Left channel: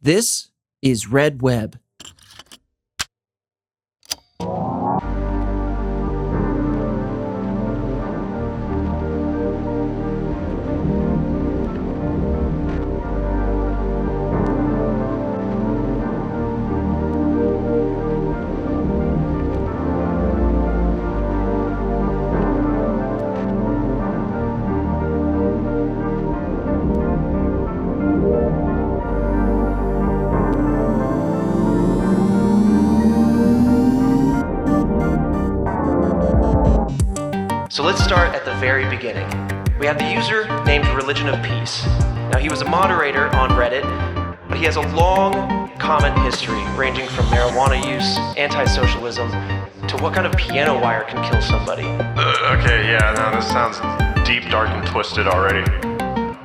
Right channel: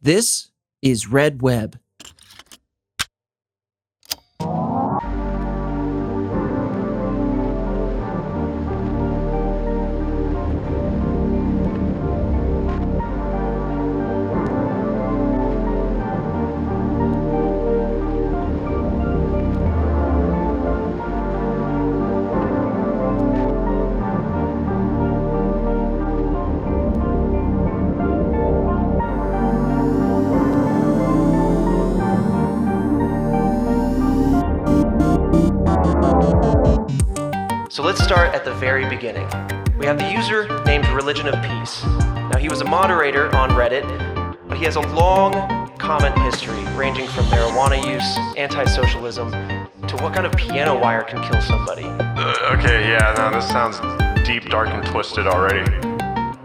This is Red Web. So let's start at the very beginning. We have the user named Religion of Peace. Now he was a moderator on Reddit, but he has a long comment history ranging from marijuana use, anti-socialism, to what kind of piano wire can kill somebody. Okay, yeah, no, this sounds deep, dark, and twisted already.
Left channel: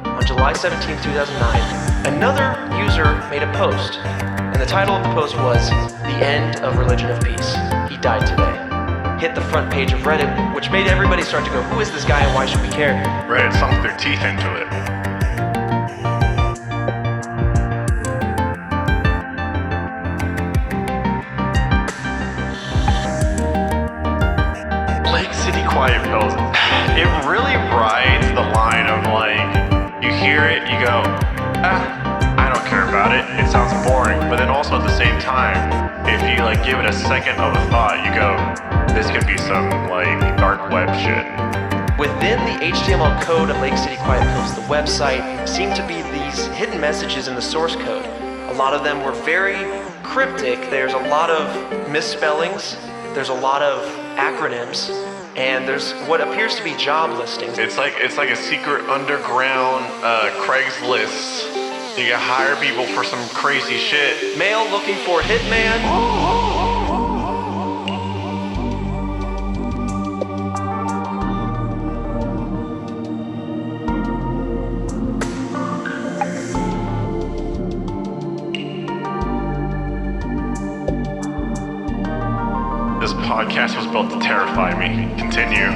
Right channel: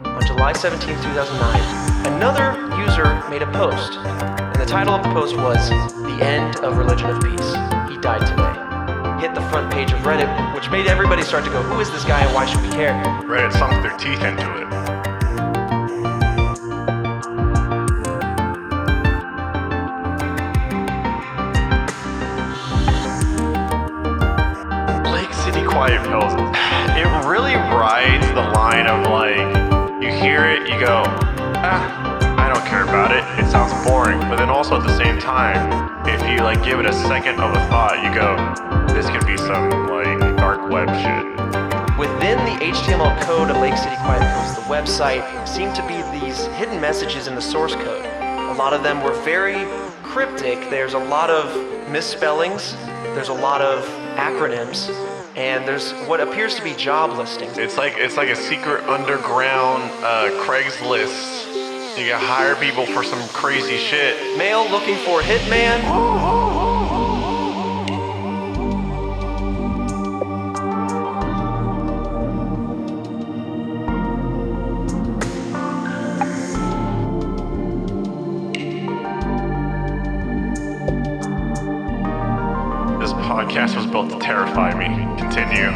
On July 17, 2009, another user made a post, and the title of the post was "The End of Religion of Peace. He died today." Hit the front page of Reddit, which made everybody start to go, who is this guy and why should we care? Reddit sunk their teeth into it. Lake City Quiet Pills. It really rides the line of like, you hear it, you go, I don't care about it, it sounds boring. But then also at the same time, if you like give it a second of a thought, you go, this could be some like dark web shit. Within the HTML code of Lake City Quiet Pills, the website, seemed to be these hidden messages in the source code. A lot of them were very cryptic. There's a lot of misspellings, there's a lot of acronyms, and there's what appears to be job listings. It's like a secret underground Craigslist. You can hire people for some crazy shit. Male looking for a hitman. This podcast was built to terrify me. Continue.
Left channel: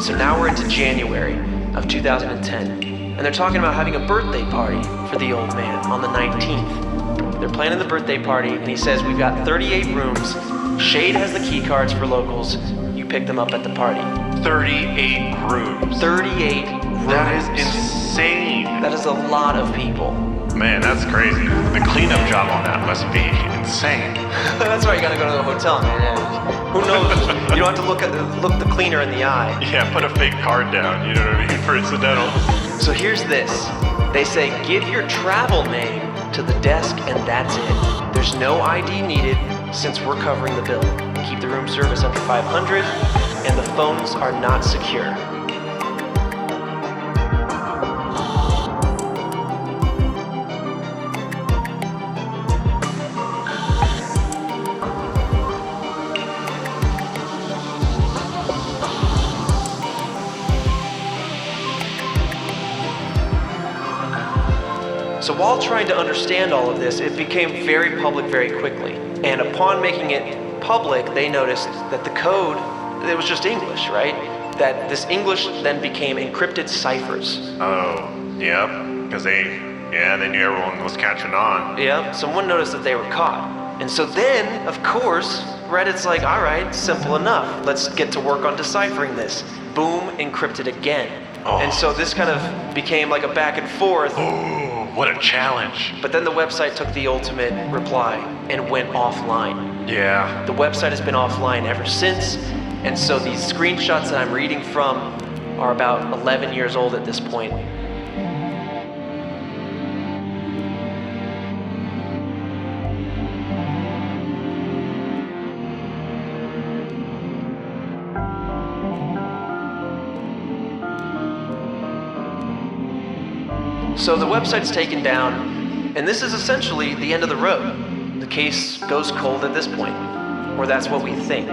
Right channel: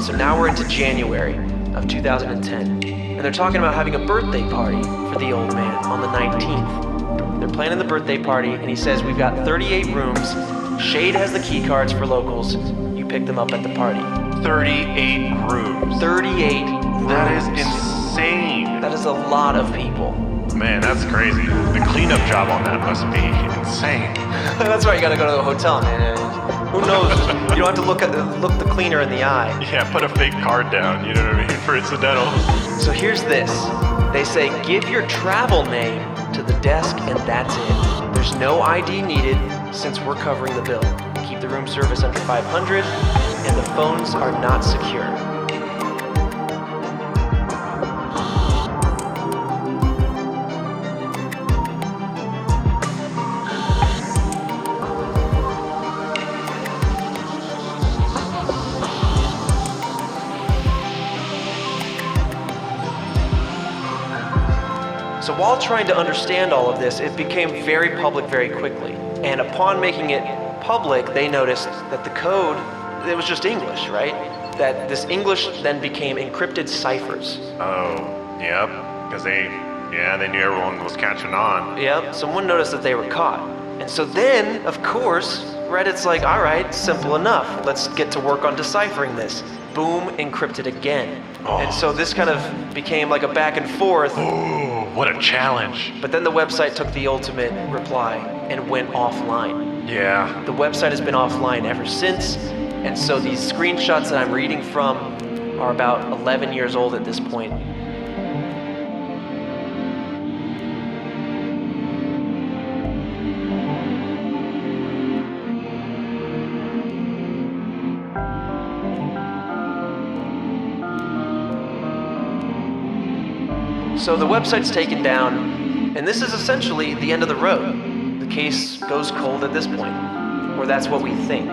So now we're into January of 2010, and they're talking about having a birthday party for the old man on the 19th. They're planning the birthday party, and he says, we've got 38 rooms. Shade has the key cards for locals. You pick them up at the party. 38 rooms. 38 rooms. That is insane. That is a lot of people. Man, that's crazy. The cleanup job on that must be insane. That's why you gotta go to the hotel, man. Who knows? You don't have to look the cleaner in the eye. Yeah, put a fake card down, you know what I mean, for incidentals. So here's this. They say, give your travel name to the desk and that's it. There's no ID needed since we're covering the bill. Keep the room service under 500 and the phones are not secure. So while trying to understand all of this, it became very public very quickly. And upon making it public, they noticed that the code, it was just English, right? That this English then became encrypted ciphers. Oh, yeah, because they knew everyone was catching on. Yeah, someone noticed that they were caught. And so then, of course, Reddit's like, all right, simple enough. Let's get to work on deciphering this. Boom, encrypted again. Oh. And so this kind of became like a back and forth. Oh, what a challenge. But then the website took the ultimate reply and went offline. Yeah. The website has been offline ever since, and so these screenshots that I'm reading from are about 11 years old at this point. So the website's taken down, and this is essentially the end of the road. The case goes cold at this point, or that's what we think.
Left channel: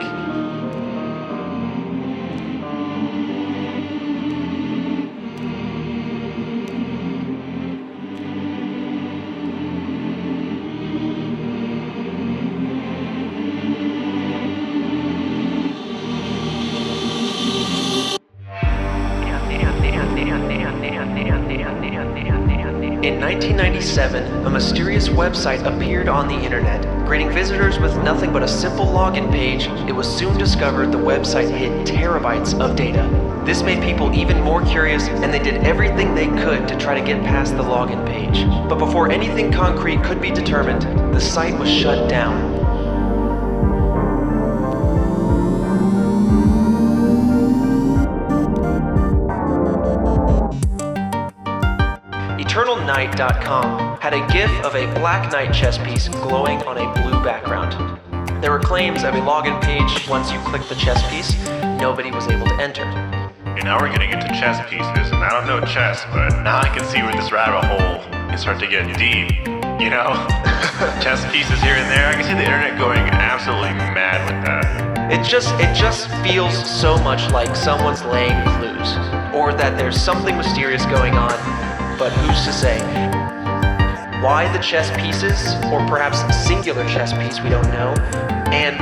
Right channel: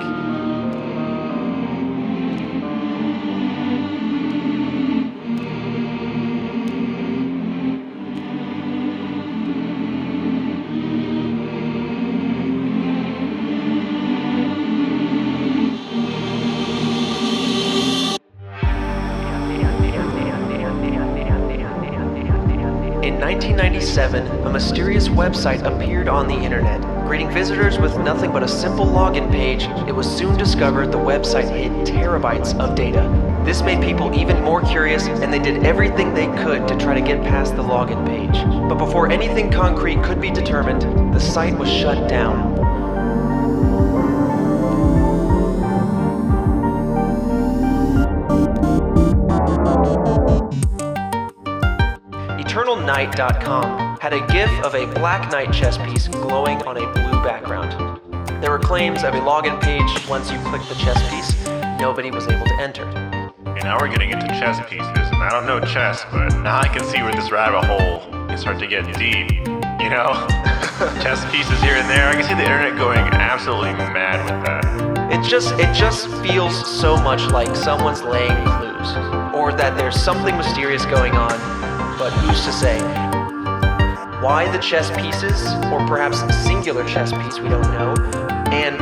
In 1997, a mysterious website appeared on the internet, greeting visitors with nothing but a simple login page. It was soon discovered the website hid terabytes of data. This made people even more curious, and they did everything they could to try to get past the login page. But before anything concrete could be determined, the site was shut down. EternalNight.com had a GIF of a black knight chess piece glowing on a blue background. There were claims of a login page. Once you clicked the chess piece, nobody was able to enter. And now we're getting into chess pieces, and I don't know chess, but now I can see where this rabbit hole is starting to get deep. You know, chess pieces here and there. I can see the internet going absolutely mad with that. It just feels so much like someone's laying clues, or that there's something mysterious going on, but who's to say? Why the chess pieces, or perhaps singular chess piece, we don't know. And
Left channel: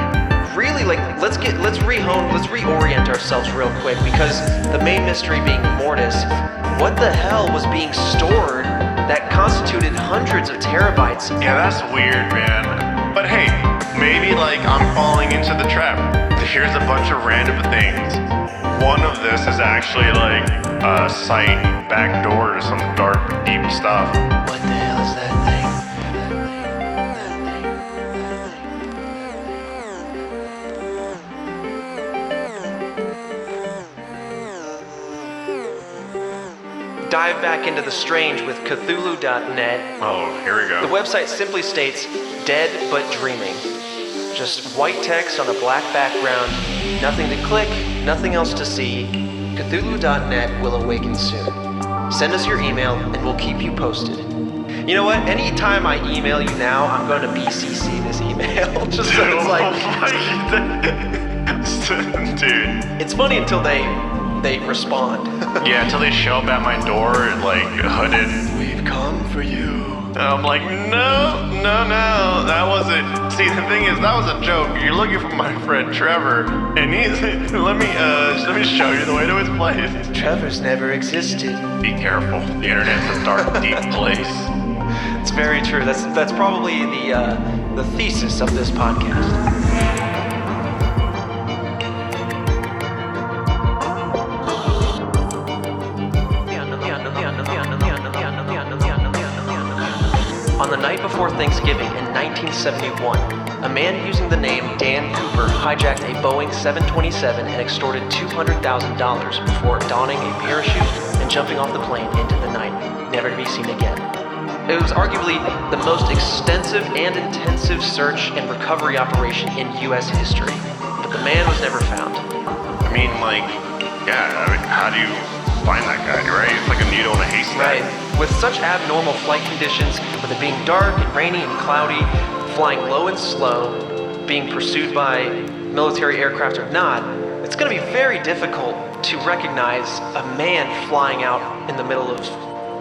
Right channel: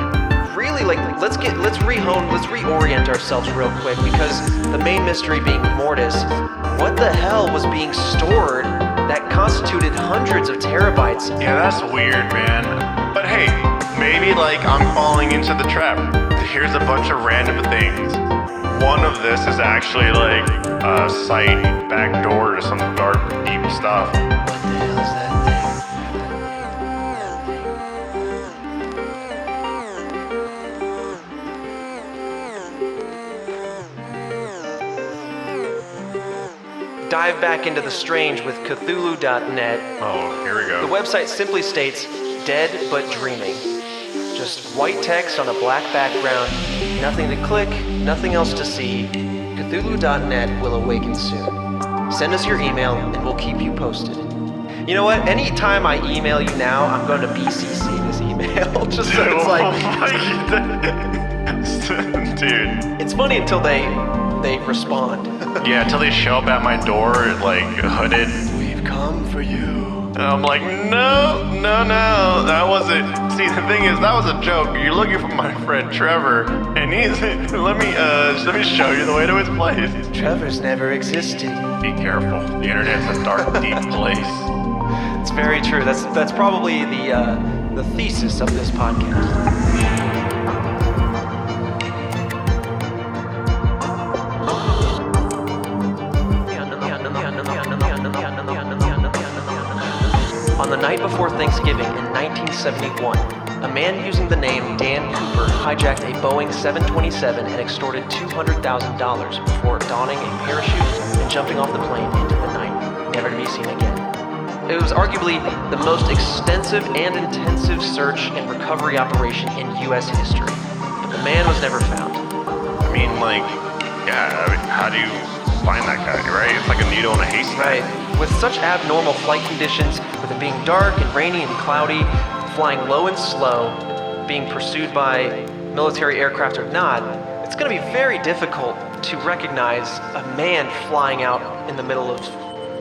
really, let's reorient ourselves real quick, because the main mystery being Mortis, what the hell was being stored that constituted hundreds of terabytes? Yeah, that's weird, man. But hey, maybe I'm falling into the trap. Here's a bunch of random things. One of this is actually a site backdoor to some dark, deep stuff. What the hell is that thing? Dive back into the strange with Cthulhu.net. Oh, here we go. The website simply states, dead but dreaming. Just white text on a black background, nothing to click, nothing else to see. Cthulhu.net will awaken soon. Send us your email and we'll keep you posted. You know what? Anytime I email you now, I'm going to BCC this email. Just so it's Dude. It's funny until they respond. Yeah, until they show up at my door and hooded. We've come for you. And I'm like, no, that wasn't. See, the thing is, that was a joke. You're looking for my friend Trevor, and he's. Let me show you the way to his place. Trevor's never existed. Be careful. The internet's a dark, deep place. It's very true. That's probably the thesis of this podcast. On the night before Thanksgiving in 1971, a man using the name Dan Cooper hijacked a Boeing 727 and extorted $200,000 before donning a parachute and jumping off the plane into the night, never to be seen again. It was arguably the most extensive and intensive search and recovery operation in U.S. history. The man was never found. I mean, how do you find that guy, right? It's like a needle in a haystack. Right. With such abnormal flight conditions, with it being dark and rainy and cloudy, flying low and slow, being pursued by military aircraft or not, it's going to be very difficult to recognize a man flying out in the middle of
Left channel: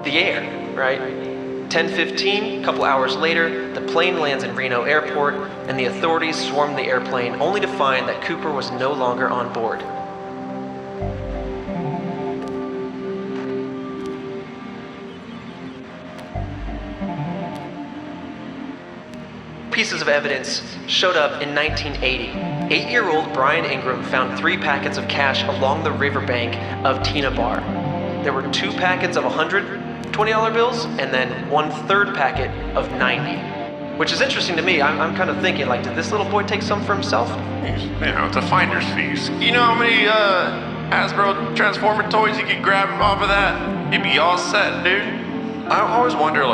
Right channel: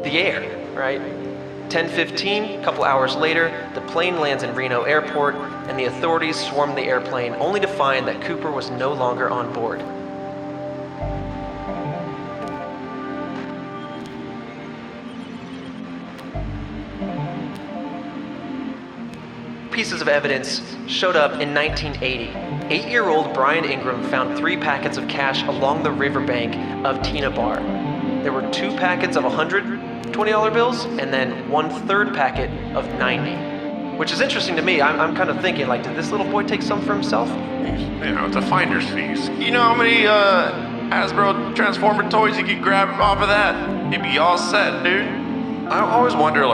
the air, right? 10:15, a couple hours later, the plane lands in Reno Airport, and the authorities swarm the airplane only to find that Cooper was no longer on board. Pieces of evidence showed up in 1980. 8-year-old Brian Ingram found 3 packets of cash along the riverbank of Tina Bar. There were 2 packets of $120 bills and then 1/3 packet of 90. Which is interesting to me. I'm kind of thinking, did this little boy take some for himself? It's a finder's fees. You know how many Hasbro Transformer toys you could grab off of that? You'd be all set, dude. I always wonder,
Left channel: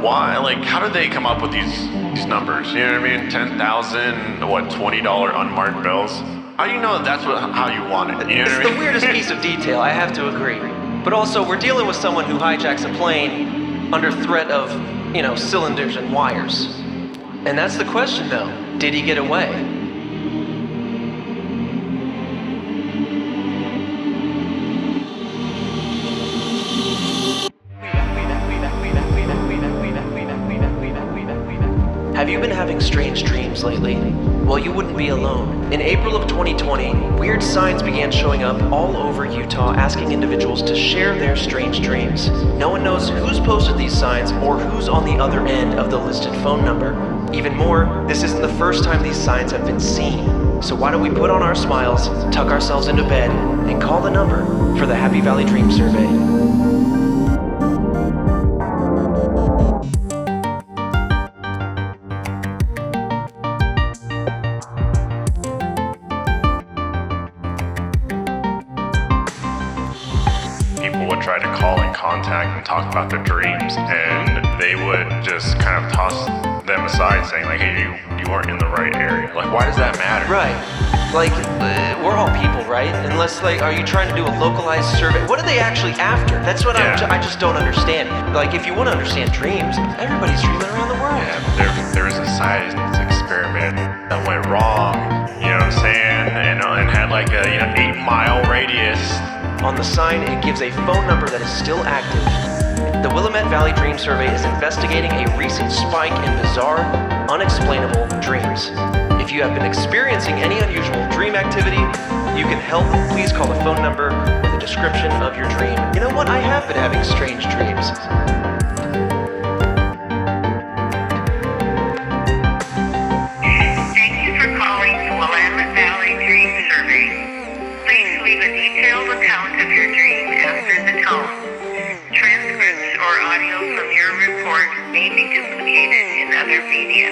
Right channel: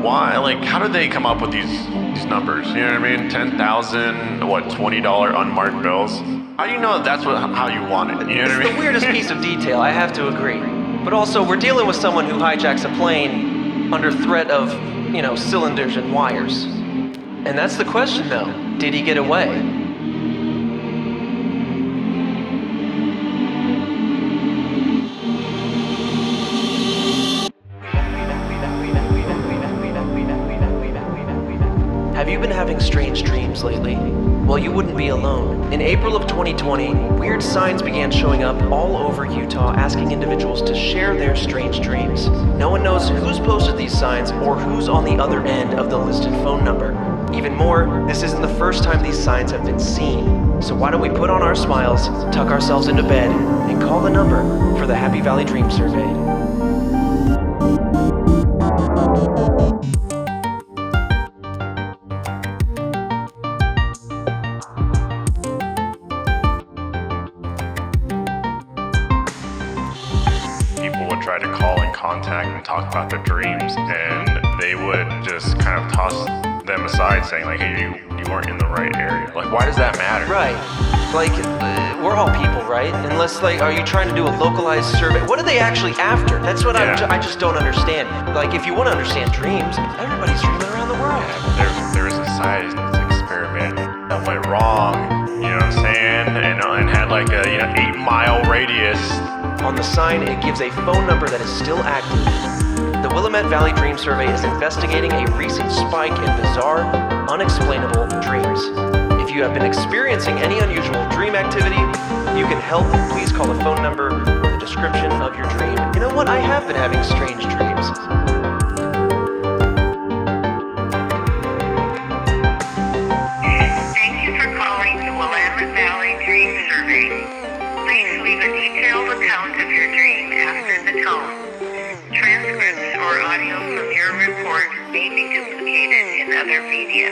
why? How did they come up with these numbers? You know what I mean? 10,000, $20 unmarked bills? How do you know that's how you want it? You know It's the weirdest piece of detail, I have to agree. But also, we're dealing with someone who hijacks a plane under threat of, cylinders and wires. And that's the question, though. Did he get away? Have you been having strange dreams? dreams lately? Well, you wouldn't be alone. In April of 2020, weird signs began showing up all over Utah asking individuals to share their strange dreams. No one knows who's posted these signs or who's on the other end of the listed phone number. Even more, this isn't the first time these signs have been seen. So why don't we put on our smiles, tuck ourselves into bed, and call the number for the Happy Valley Dream Survey. And talk about their dreams, and they would just kind of toss them aside, saying like, hey, you aren't in the right area. Like, why does that matter? Right. Like, we're all people, right? Unless, like, are you trying to do a localized survey? What are they actually after? That's what I just don't understand. Like, if you want to understand dreams, everybody's dreaming around the world. Yeah, there was a science experiment that went wrong, you know what I'm saying? And had like a 8-mile radius. On the sign, it gives a phone number that is still active. The Willamette Valley Dream Survey is investigating a recent spike in bizarre, unexplainable dreams. If you have been experiencing any unusual dream activity, you can help. Please call the phone number or the description of your dream. You know what? I have been having strange dreams. Thank you for calling the Willamette Valley Dream Survey. Please leave a detailed account of your dreams after the tone. Transcripts or audio from your report may be duplicated in other media.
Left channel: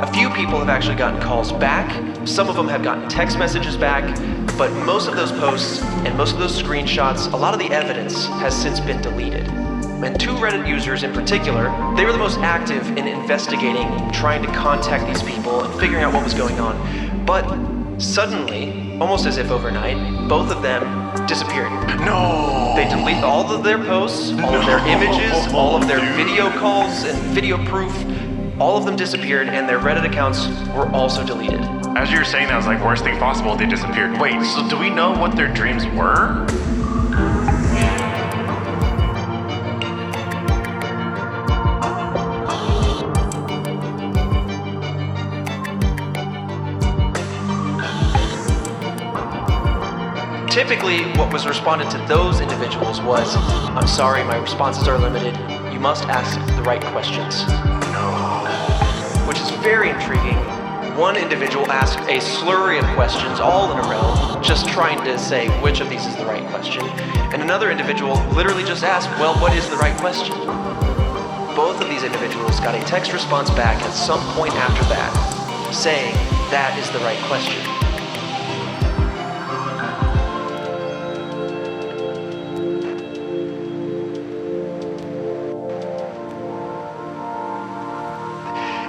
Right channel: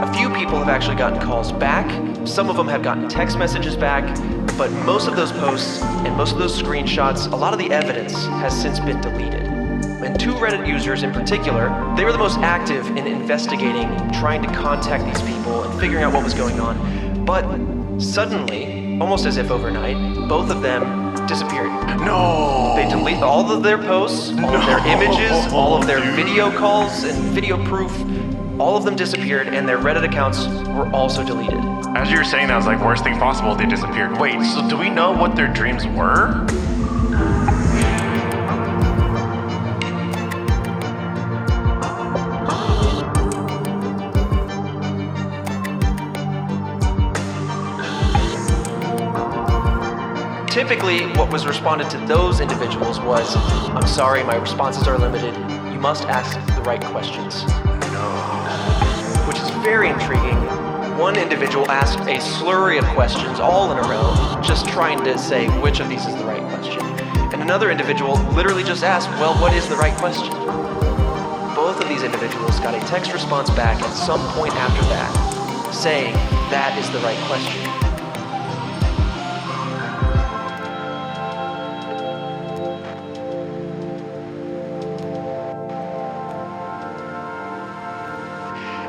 A few people have actually gotten calls back. Some of them have gotten text messages back. But most of those posts and most of those screenshots, a lot of the evidence has since been deleted. And 2 Reddit users in particular, they were the most active in investigating, trying to contact these people and figuring out what was going on. But suddenly, almost as if overnight, both of them disappeared. No! They deleted all of their posts, all of their images, all of their video calls and video proof. All of them disappeared, and their Reddit accounts were also deleted. As you were saying, that was like worst thing possible. They disappeared. Wait, so do we know what their dreams were? Typically, what was responded to those individuals was, I'm sorry, my responses are limited. You must ask the right questions. Which is very intriguing. One individual asked a slurry of questions all in a row, just trying to say which of these is the right question. And another individual literally just asked, well, what is the right question? Both of these individuals got a text response back at some point after that, saying that is the right question.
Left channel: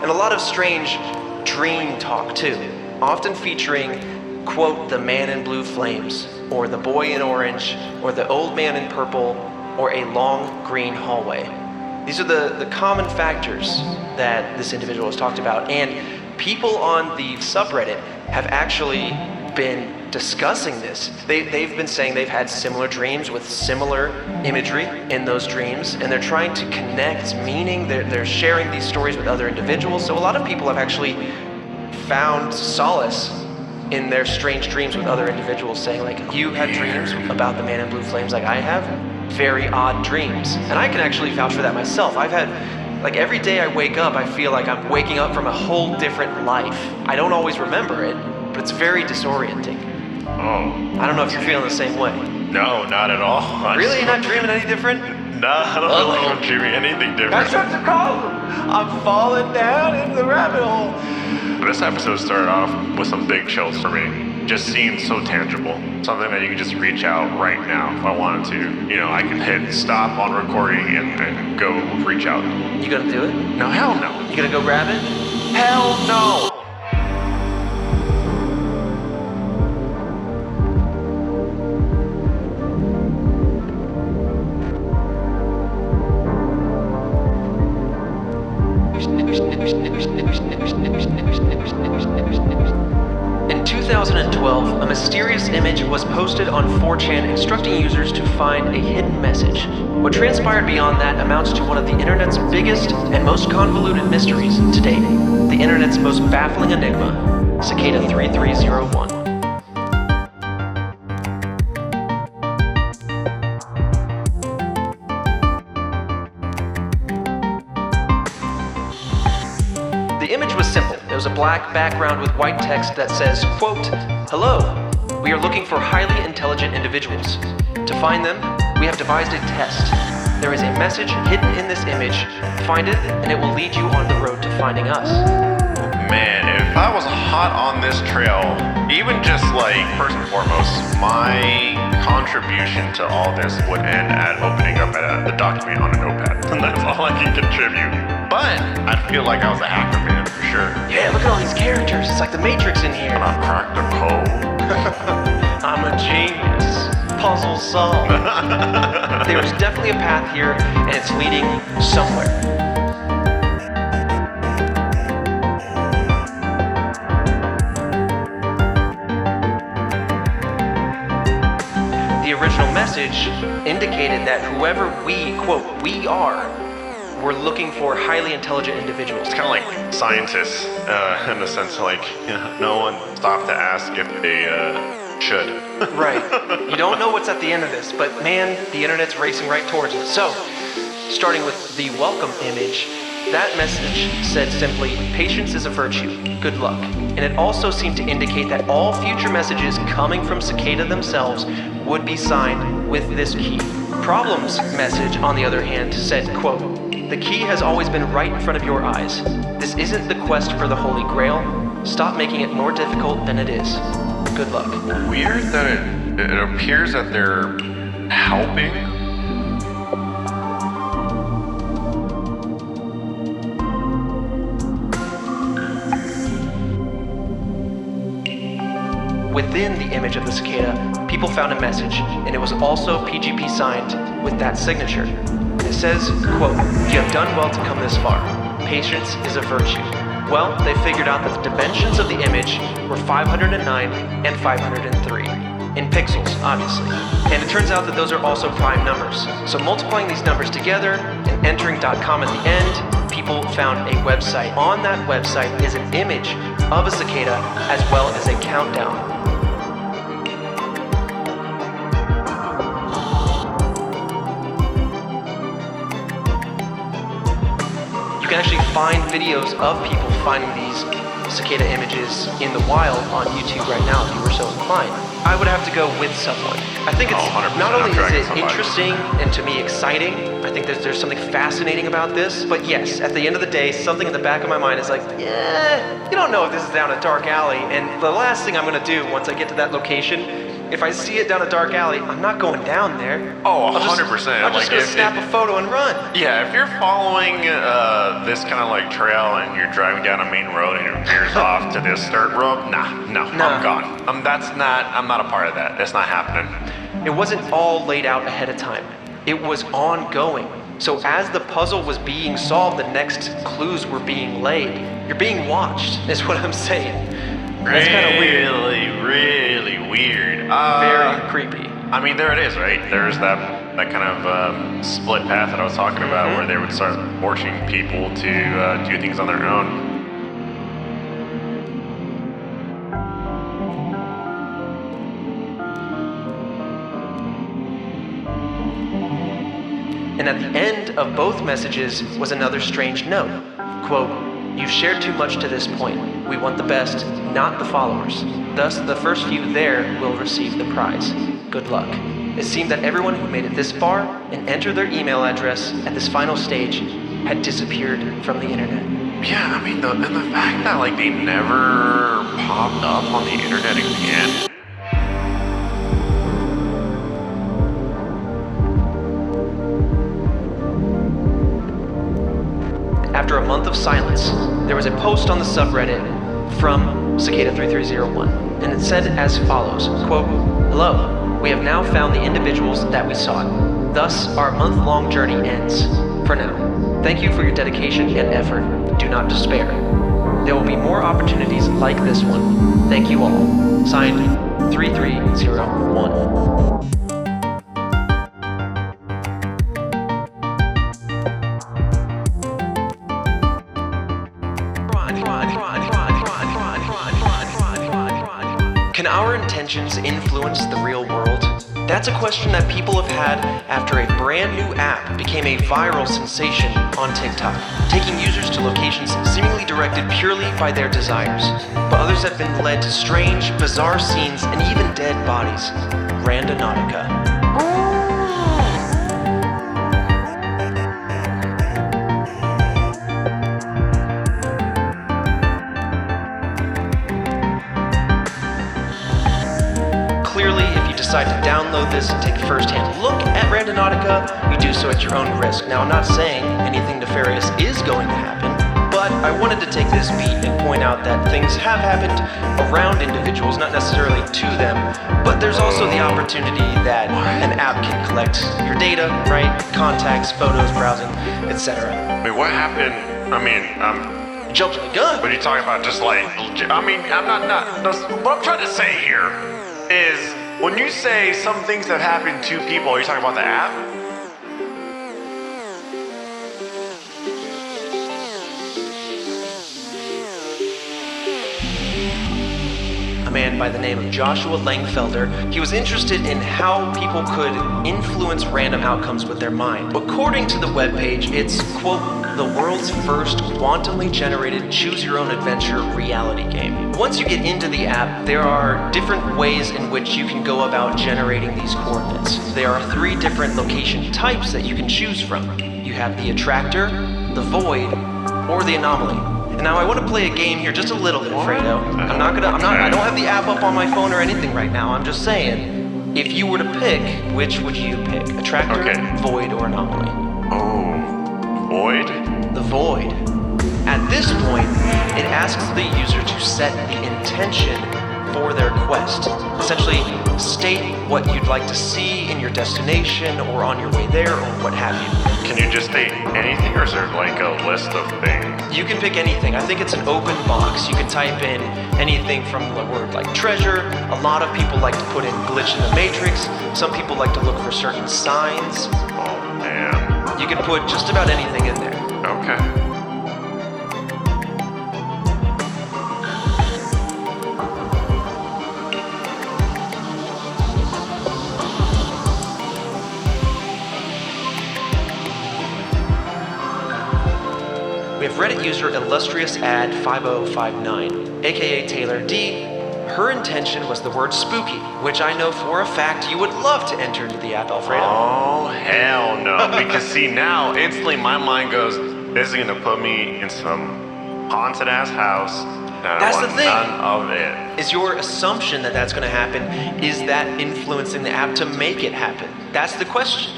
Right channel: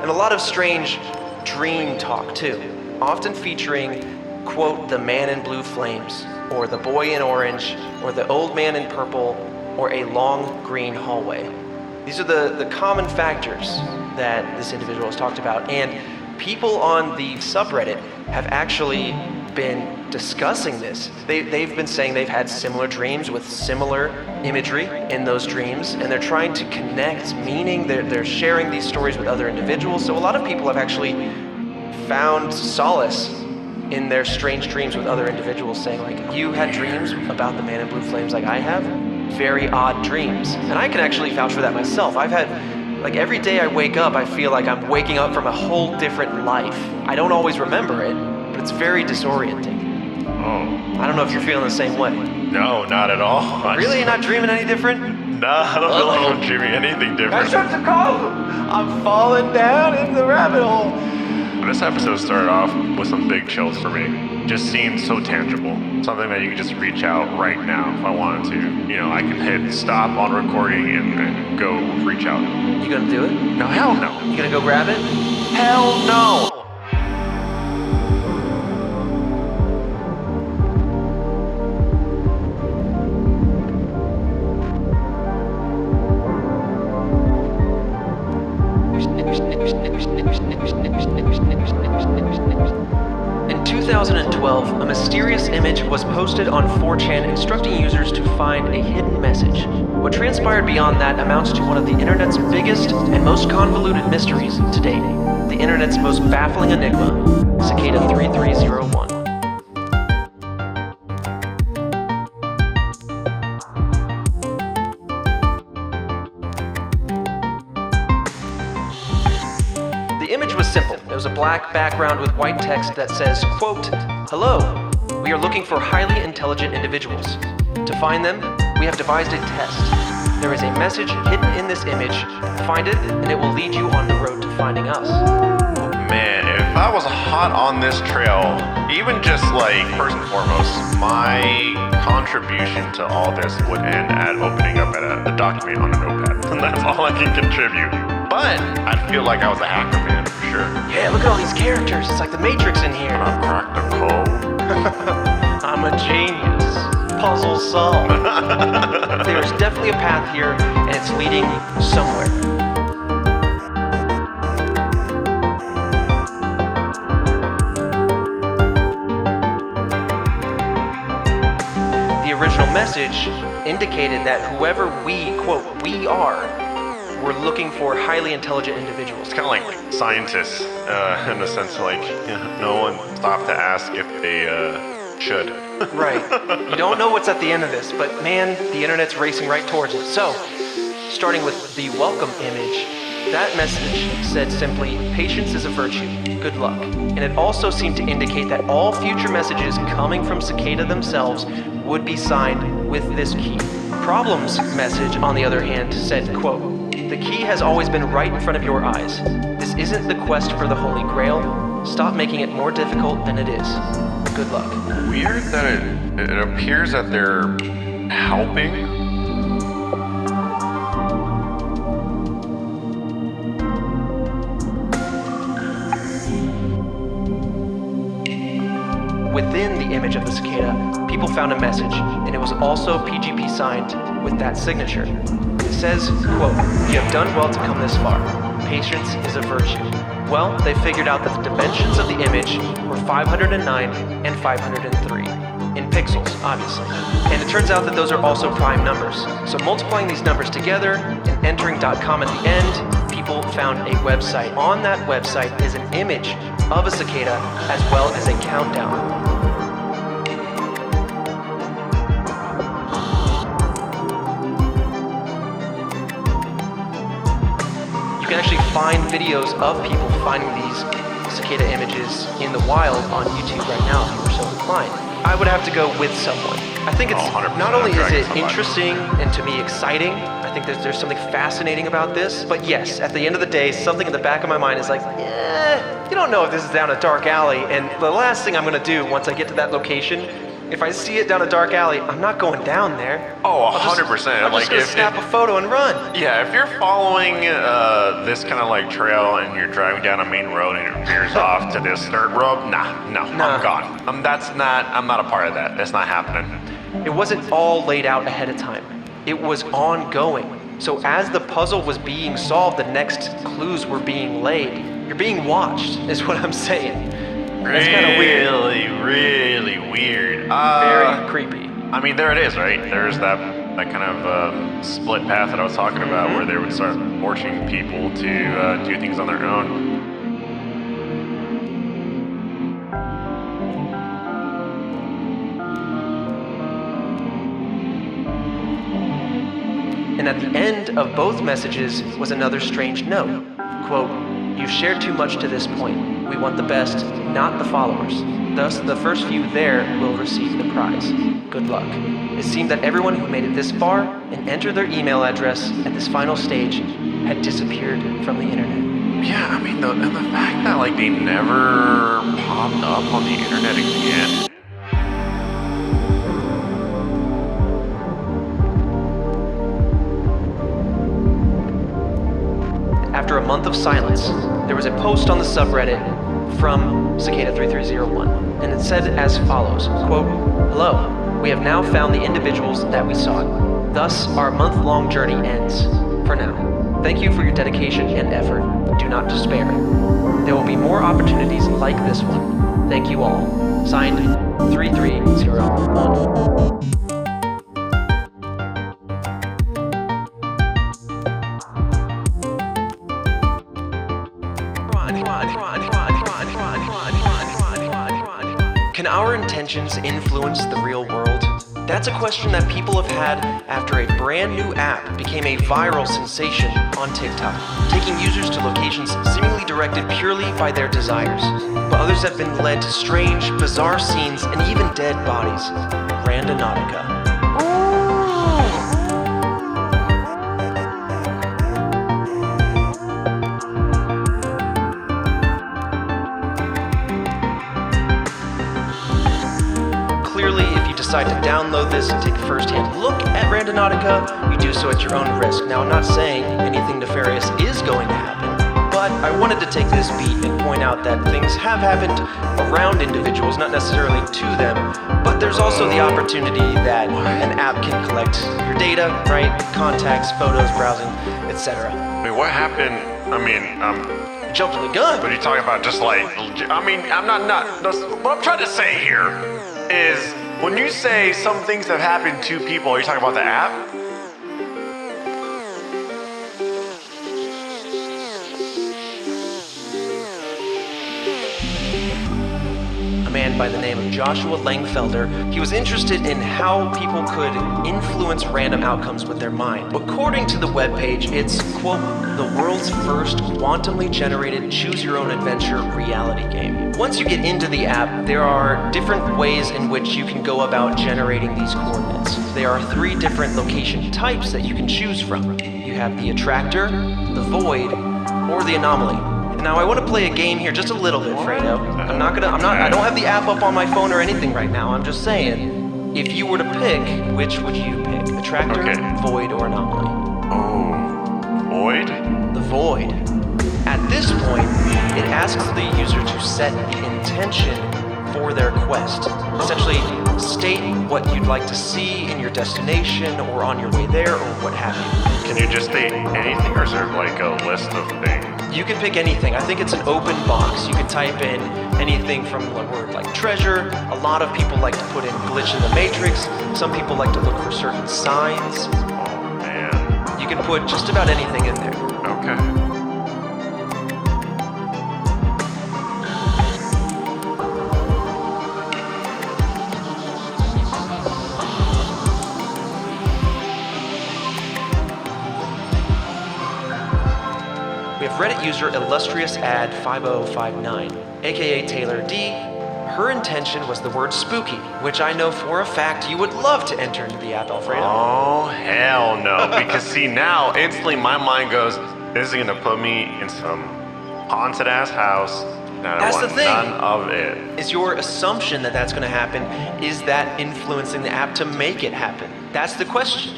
And a lot of strange dream talk too, often featuring, quote, the man in blue flames, or the boy in orange, or the old man in purple, or a long green hallway. These are the common factors that this individual has talked about, and people on the subreddit have actually been discussing this. They've been saying they've had similar dreams with similar imagery in those dreams, and they're trying to connect meaning. They're sharing these stories with other individuals. So a lot of people have actually found solace in their strange dreams with other individuals, saying like, you had dreams about the man in blue flames like I have? Very odd dreams. And I can actually vouch for that myself. I've had, like, every day I wake up, I feel like I'm waking up from a whole different life. I don't always remember it, but it's very disorienting. I don't know if you're feeling the same way. No, not at all. Really? You're not dreaming any different? No, I don't dream anything different. That's what to call. I'm falling down in the rabbit hole. This episode started off with some big chills for me. Just seemed so tangible. Something that you can just reach out right now if I wanted to. You know, I can hit stop on recording and then go reach out. You gonna do it? No, hell no. You gonna go grab it? Hell no! In 2012, a mysterious image was posted on 4chan instructing users to find a hidden message. What transpired beyond that amounts to one of the internet's biggest and most convoluted mysteries to date. The internet's most baffling enigma, Cicada 3301. The image was simple. It was a black background with white text that says, quote, "Hello, we are looking for highly intelligent individuals. To find them, we have devised a test. There is a message hidden in this image. Find it, and it will lead you on the road to finding us." Man, if I was hot on this trail, even just like, first and foremost, my contribution to all this would end at opening up the document on a notepad. And that's all I can contribute. But I feel like I was an actor man for sure. Yeah, look at all these characters. It's like the Matrix in here. I cracked the code. I'm a genius. Puzzle solved. There's definitely a path here, and it's leading somewhere. The original message indicated that whoever we, quote, we are, we're looking for highly intelligent individuals. It's kind of like scientists, in the sense like, no one stopped to ask if they should. Right. You don't know what's at the end of this, but man, the internet's racing right towards it. So, starting with the welcome image, that message said simply, "Patience is a virtue. Good luck." And it also seemed to indicate that all future messages coming from Cicada themselves would be signed with this key. Problems message, on the other hand, said, quote, "The key has always been right in front of your eyes. This isn't the quest for the Holy Grail. Stop making it more difficult than it is. Good luck." Weird that it appears that they're helping. Within the image of the cicada, people found a message, and it was also PGP signed with that signature. It says, quote, "You have done well to come this far. Patience is a virtue." Well, they figured out that the dimensions of the image were 509 and 503. In pixels, obviously. And it turns out that those are also prime numbers. So multiplying these numbers together and entering .com at the end, people found a website. On that website is an image of a cicada as well as a countdown. You can actually find videos of people finding these cicada images in the wild on YouTube right now if you were so inclined. I would have to go with someone. I think it's not only is it interesting and to me exciting, I think that there's something fascinating about this, but yes, at the end of the day, something in the back of my mind is like, yeah, you don't know if this is down a dark alley, and the last thing I'm gonna do once I get to that location, if I see it down a dark alley, I'm not going down there. Oh, 100%. I'm just gonna snap a photo and run. Yeah, if you're following this kind of like trail and you're driving down a main road and it veers off to this third road, no, I'm gone. I'm not a part of that. That's not happening. It wasn't all laid out ahead of time. It was ongoing. So as the puzzle was being solved, the next clues were being laid. You're being watched, is what I'm saying. It's kind of weird. Really weird. Very creepy. I mean, there it is, right? There's that kind of split path that I was talking about where they would start forcing people to do things on their own. And at the end of both messages was another strange note. Quote, "You've shared too much to this point. We want the best, not the followers. Thus, the first few there will receive the prize. Good luck." It seemed that everyone who made it this far and entered their email address at this final stage had disappeared from the internet. Yeah, I mean, the fact that like they never popped up on the internet again. After a month of silence, there was a post on the subreddit from Cicada 3301, and it said as follows, quote, "Hello, we have now found the individuals that we sought. Thus, our month-long journey ends. For now, thank you for your dedication and effort. do not despair. There will be more opportunities like this one. Thank you all. Signed, 3301. Can our intentions influence the real world? That's a question that people have had after a brand new app became a viral sensation on TikTok, taking users to locations seemingly directed purely by their desires. But others have been led to strange, bizarre scenes and even dead bodies. Randonautica. Decide to download this and take a first-hand look at Randonautica, you do so at your own risk. Now, I'm not saying anything nefarious is going to happen, but I wanted to take this beat and point out that things have happened around individuals, not necessarily to them, but there's also the opportunity that an app can collect your data, right? Contacts, photos, browsing, etc. Wait, what happened? I mean, jumped the gun. But you're talking about just like, I mean, I'm not, what I'm trying to say here is, when you say some things that happen to people, are you talking about the app? A man by the name of Joshua Langfelder, he was interested in how people could influence random outcomes with their mind. According to the webpage, it's, quote, the world's first quantumly generated choose-your-own-adventure reality game. Once you get into the app, there are different ways in which you can go about generating these coordinates. There are 3 different location types that you can choose from. You have the attractor, the void, or the anomaly. Now I want to play a game here just a little bit, Fredo. I don't have the app up on my phone or anything right now. I'm just saying, if you were to pick, which would you pick? Attractor, void, or anomaly? Oh, void? The void. At this point, it asks the user to set the intention for their quest. Essentially, state what you'd like to see in your destination or on your way there or what have you. Can you just state anything or is there like a list of things? You can pick anything. I think it's an open box. You can type in anything from the word like treasure. A lot of people like to put in glitch in the matrix. Some people like to look for certain signs. Oh, man. You can put just about anything in there. Okay. Reddit user Illustrious Ad 5059, aka Taylor D, her intention was the word spooky, which I know for a fact you would love to enter into the app, Alfredo. Oh, hell no. Because see, now instantly my mind goes, this is gonna put me in some haunted ass house. That's the thing. None of it. Is your assumption that that's gonna happen, is that influencing the app to make it happen? That's the question.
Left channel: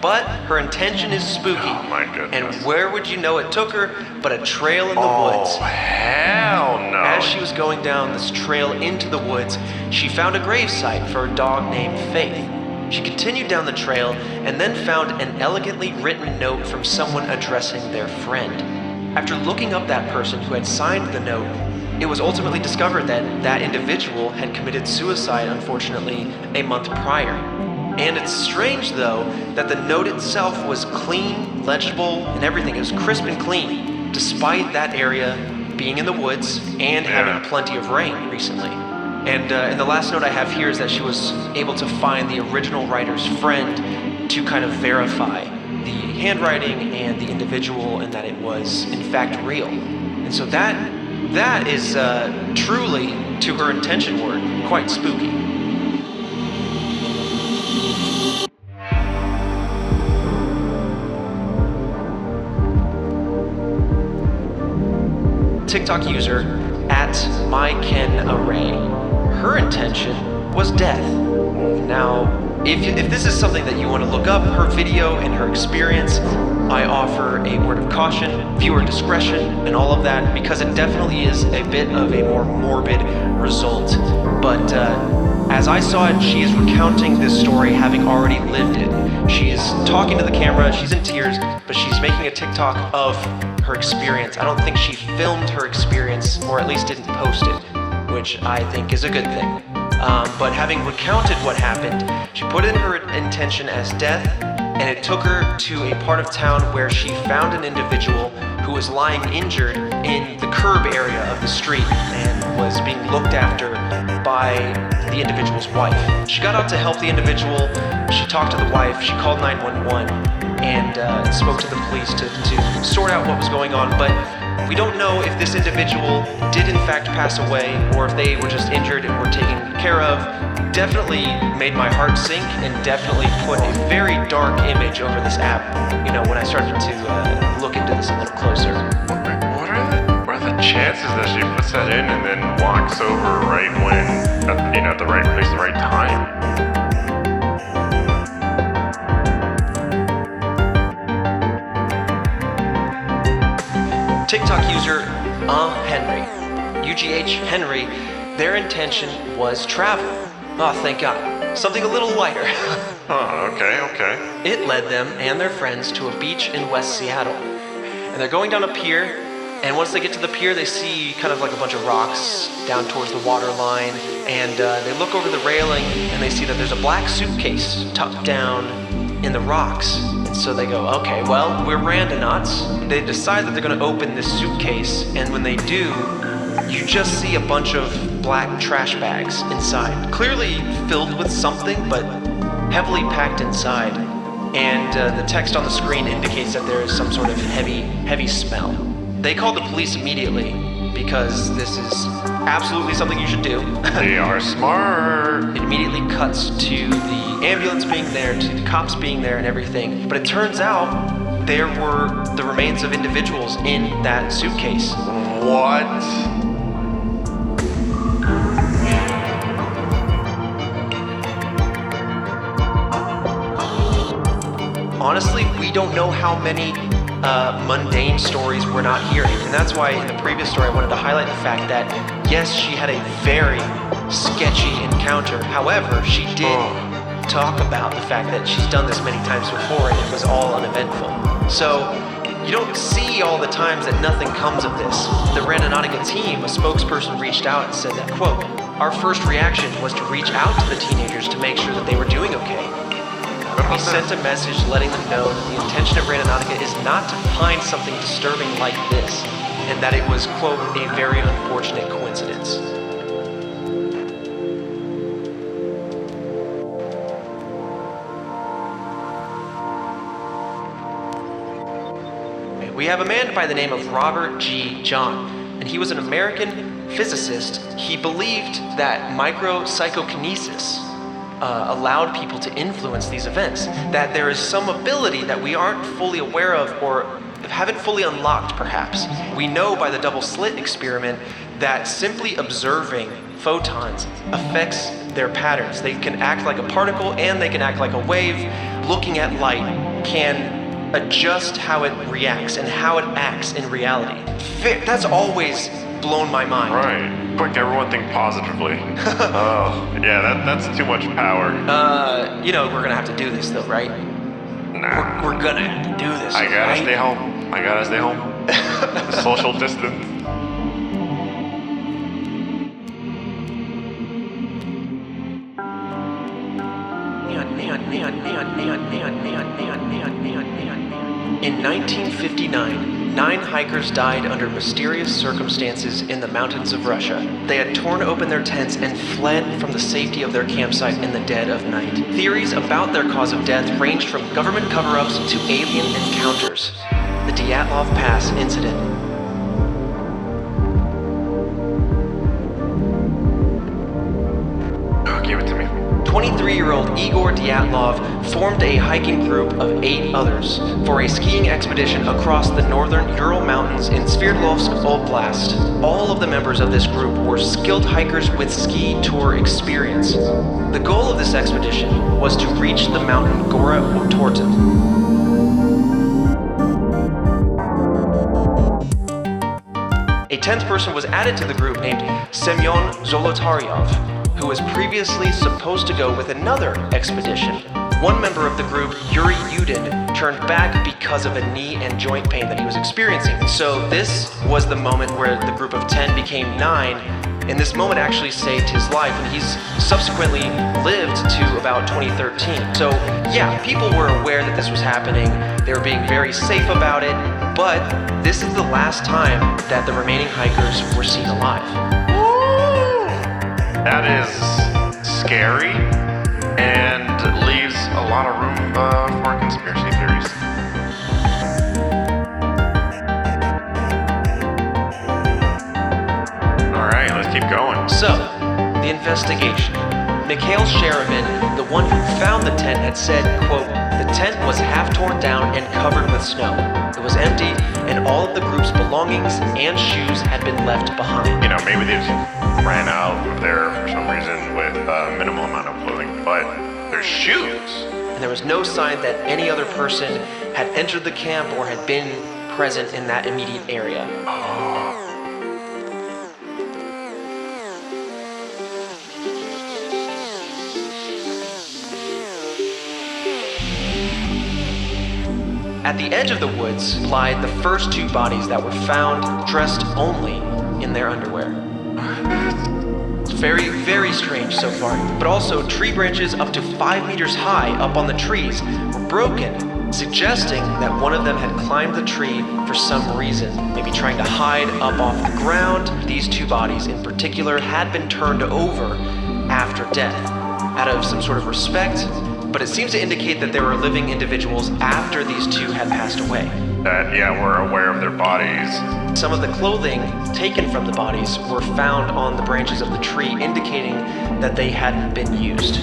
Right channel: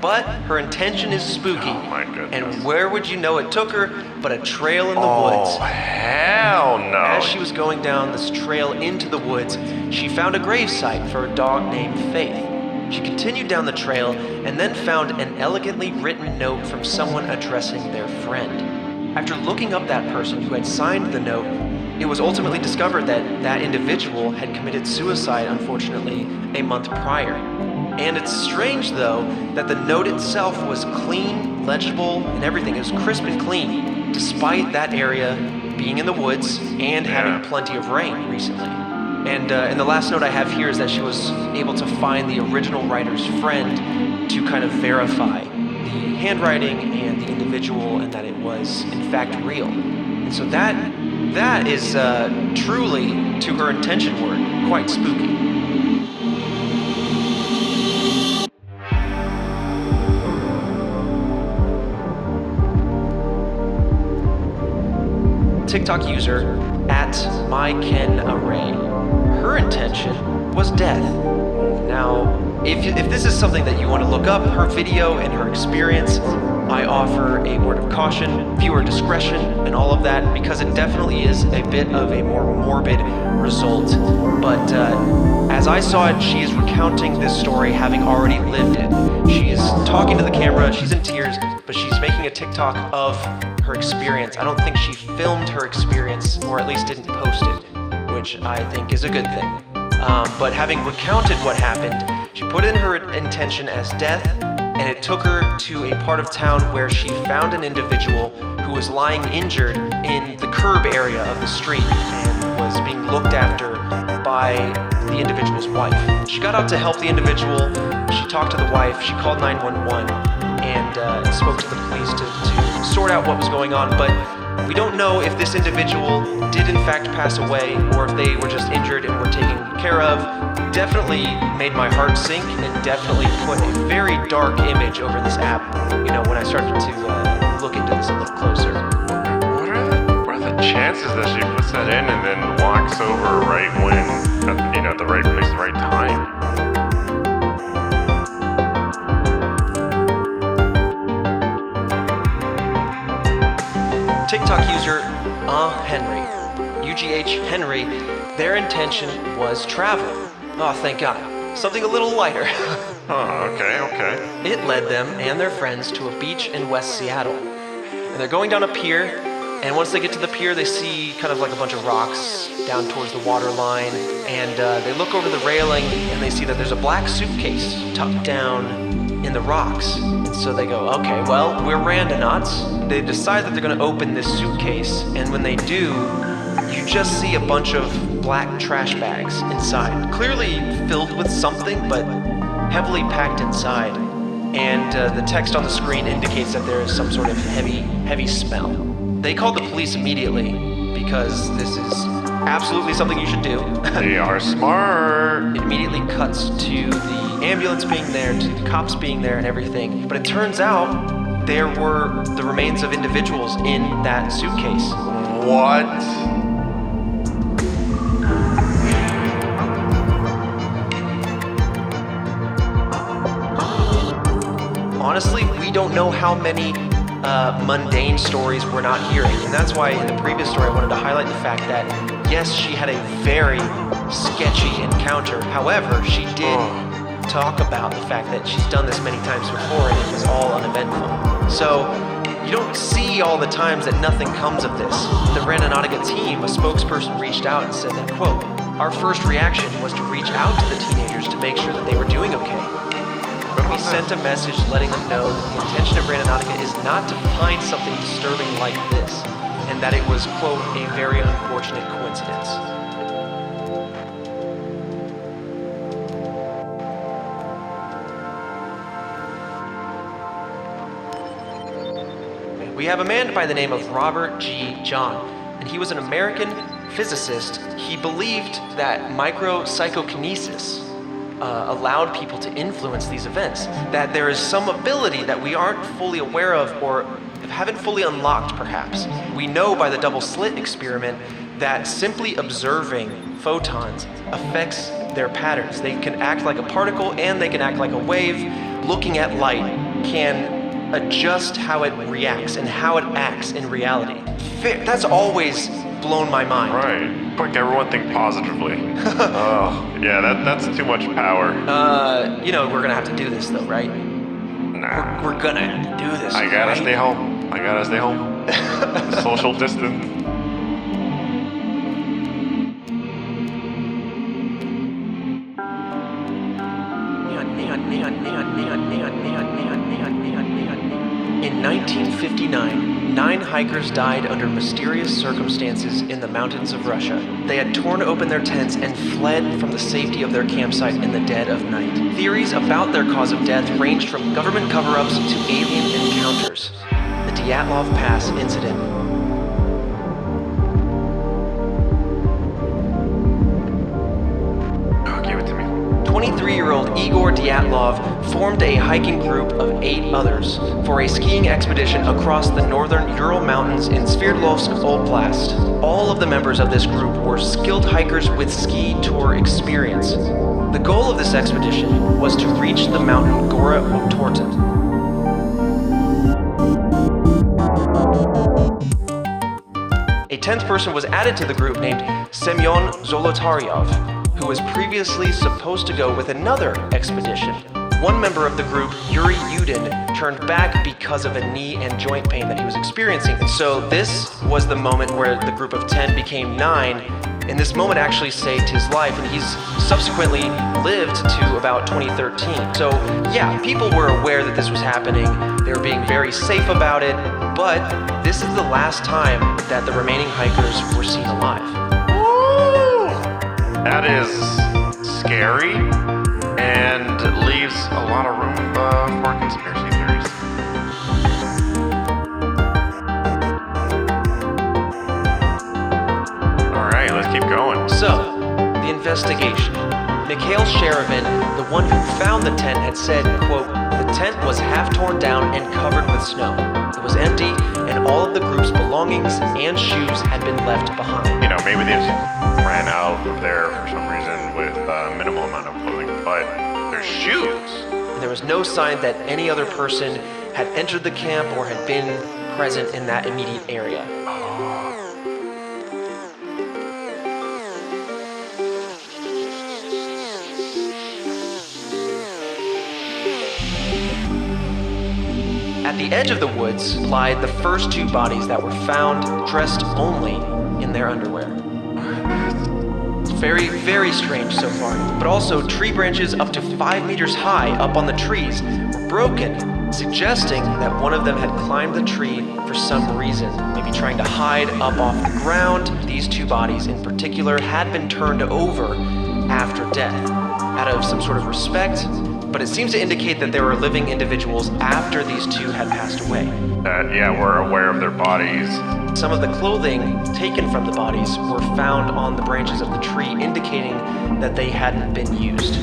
But her intention is spooky. Oh my goodness. And where would you know it took her but a trail in the woods? Oh, hell no. As she was going down this trail into the woods, she found a gravesite for a dog named Faith. She continued down the trail and then found an elegantly written note from someone addressing their friend. After looking up that person who had signed the note, it was ultimately discovered that that individual had committed suicide, unfortunately, a month prior. And it's strange, though, that the note itself was clean, legible, and everything is crisp and clean, despite that area being in the woods and having plenty of rain recently. And the last note I have here is that she was able to find the original writer's friend to kind of verify the handwriting and the individual and that it was, in fact, real. And so that is truly, to her intention word, quite spooky. TikTok user @MyKenArray. Her intention was death. Now, if this is something that you want to look up, her video and her experience, I offer a word of caution, viewer discretion, and all of that, because it definitely is a bit of a more morbid result. But as I saw it, she is recounting this story having already lived it. She is talking to the camera, she's in tears, but she's making a TikTok of her experience. I don't think she filmed her experience, or at least didn't post it, which I think is a good thing. But having recounted what happened, she put in her intention as death, and it took her to a part of town where she found an individual who was lying injured in the curb area of the street and was being looked after by the individual's wife. She got out to help the individual. She talked to the wife. She called 911 and spoke to the police to sort out what was going on. But we don't know if this individual did in fact pass away or if they were just injured and were taken care of. Definitely made my heart sink and definitely put a very dark image over this app, you know, when I started to look into this a little closer. What are the chances that she puts that in and then walks over right when, you know, the right place, the right time? TikTok user Henry, UGH Henry, their intention was travel. Oh, thank God. Something a little lighter. Oh, okay. It led them and their friends to a beach in West Seattle. And they're going down a pier, and once they get to the pier, they see kind of like a bunch of rocks down towards the water line, and they look over the railing, and they see that there's a black suitcase tucked down in the rocks. And so they go, okay, well, we're randonauts. They decide that they're going to open this suitcase, and when they do, you just see a bunch of black trash bags inside, clearly filled with something, but heavily packed inside. And the text on the screen indicates that there is some sort of heavy smell. They called the police immediately because this is absolutely something you should do. They are smart. It immediately cuts to the ambulance being there, to the cops being there and everything. But it turns out there were the remains of individuals in that suitcase. What? Honestly, we don't know how many mundane stories we're not hearing. And that's why in the previous story I wanted to highlight the fact that, yes, she had a very sketchy encounter. However, she did talk about the fact that she's done this many times before and it was all uneventful. So you don't see all the times that nothing comes of this. The Randonautica team, a spokesperson, reached out and said that, quote, "Our first reaction was to reach out to the teenagers to make sure that they were doing okay. We sent a message letting them know that the intention of Randonautica is not to find something disturbing like this, and that it was, quote, a very unfortunate coincidence." We have a man by the name of Robert G. Jung, and he was an American physicist. He believed that micropsychokinesis allowed people to influence these events, that there is some ability that we aren't fully aware of or haven't fully unlocked perhaps. We know by the double slit experiment that simply observing photons affects their patterns. They can act like a particle and they can act like a wave. Looking at light can adjust how it reacts and how it acts in reality. That's always blown my mind. Right. But everyone think positively. Oh, yeah, that's too much power. You know, we're gonna have to do this though, right? Nah. We're gonna have to do this. I gotta right? stay home. I gotta stay home. Social distance. In 1959, 9 hikers died under mysterious circumstances in the mountains of Russia. They had torn open their tents and fled from the safety of their campsite in the dead of night. Theories about their cause of death ranged from government cover-ups to alien encounters. The Dyatlov Pass incident. Give it to me. 23-year-old Igor Dyatlov formed a hiking group of 8 others for a skiing expedition across the northern Ural Mountains in Sverdlovsk Oblast. All of the members of this group were skilled hikers with ski tour experience. The goal of this expedition was to reach the mountain Gora Torta. A 10th person was added to the group named Semyon Zolotaryov, who was previously supposed to go with another expedition. One member of the group, Yuri Yudin, turned back because of a knee and joint pain that he was experiencing. So this was the moment where the group of 10 became 9, and this moment actually saved his life, and he's subsequently lived to about 2013. So yeah, people were aware that this was happening. They were being very safe about it, but this is the last time that the remaining hikers were seen alive. Woo! That is scary and leaves a lot of room for conspiracy theories. All right, let's keep going. So, the investigation. Mikhail Sherevin, the one who found the tent, had said, quote, "The tent was half torn down and covered with snow. It was empty, and all of the group's belongings and shoes had been left behind." You know, maybe they just ran out there for some reason with a minimal amount of clothing, but their shoes. And there was no sign that any other person had entered the camp or had been present in that immediate area. At the edge of the woods lied the first 2 bodies that were found dressed only in their underwear. It's very, very strange so far, but also tree branches up to 5 meters high up on the trees were broken, suggesting that one of them had climbed the tree for some reason, maybe trying to hide up off the ground. These 2 bodies in particular had been turned over after death, out of some sort of respect, but it seems to indicate that there were living individuals after these 2 had passed away. That, yeah, we're aware of their bodies. Some of the clothing taken from the bodies were found on the branches of the tree, indicating that they hadn't been used.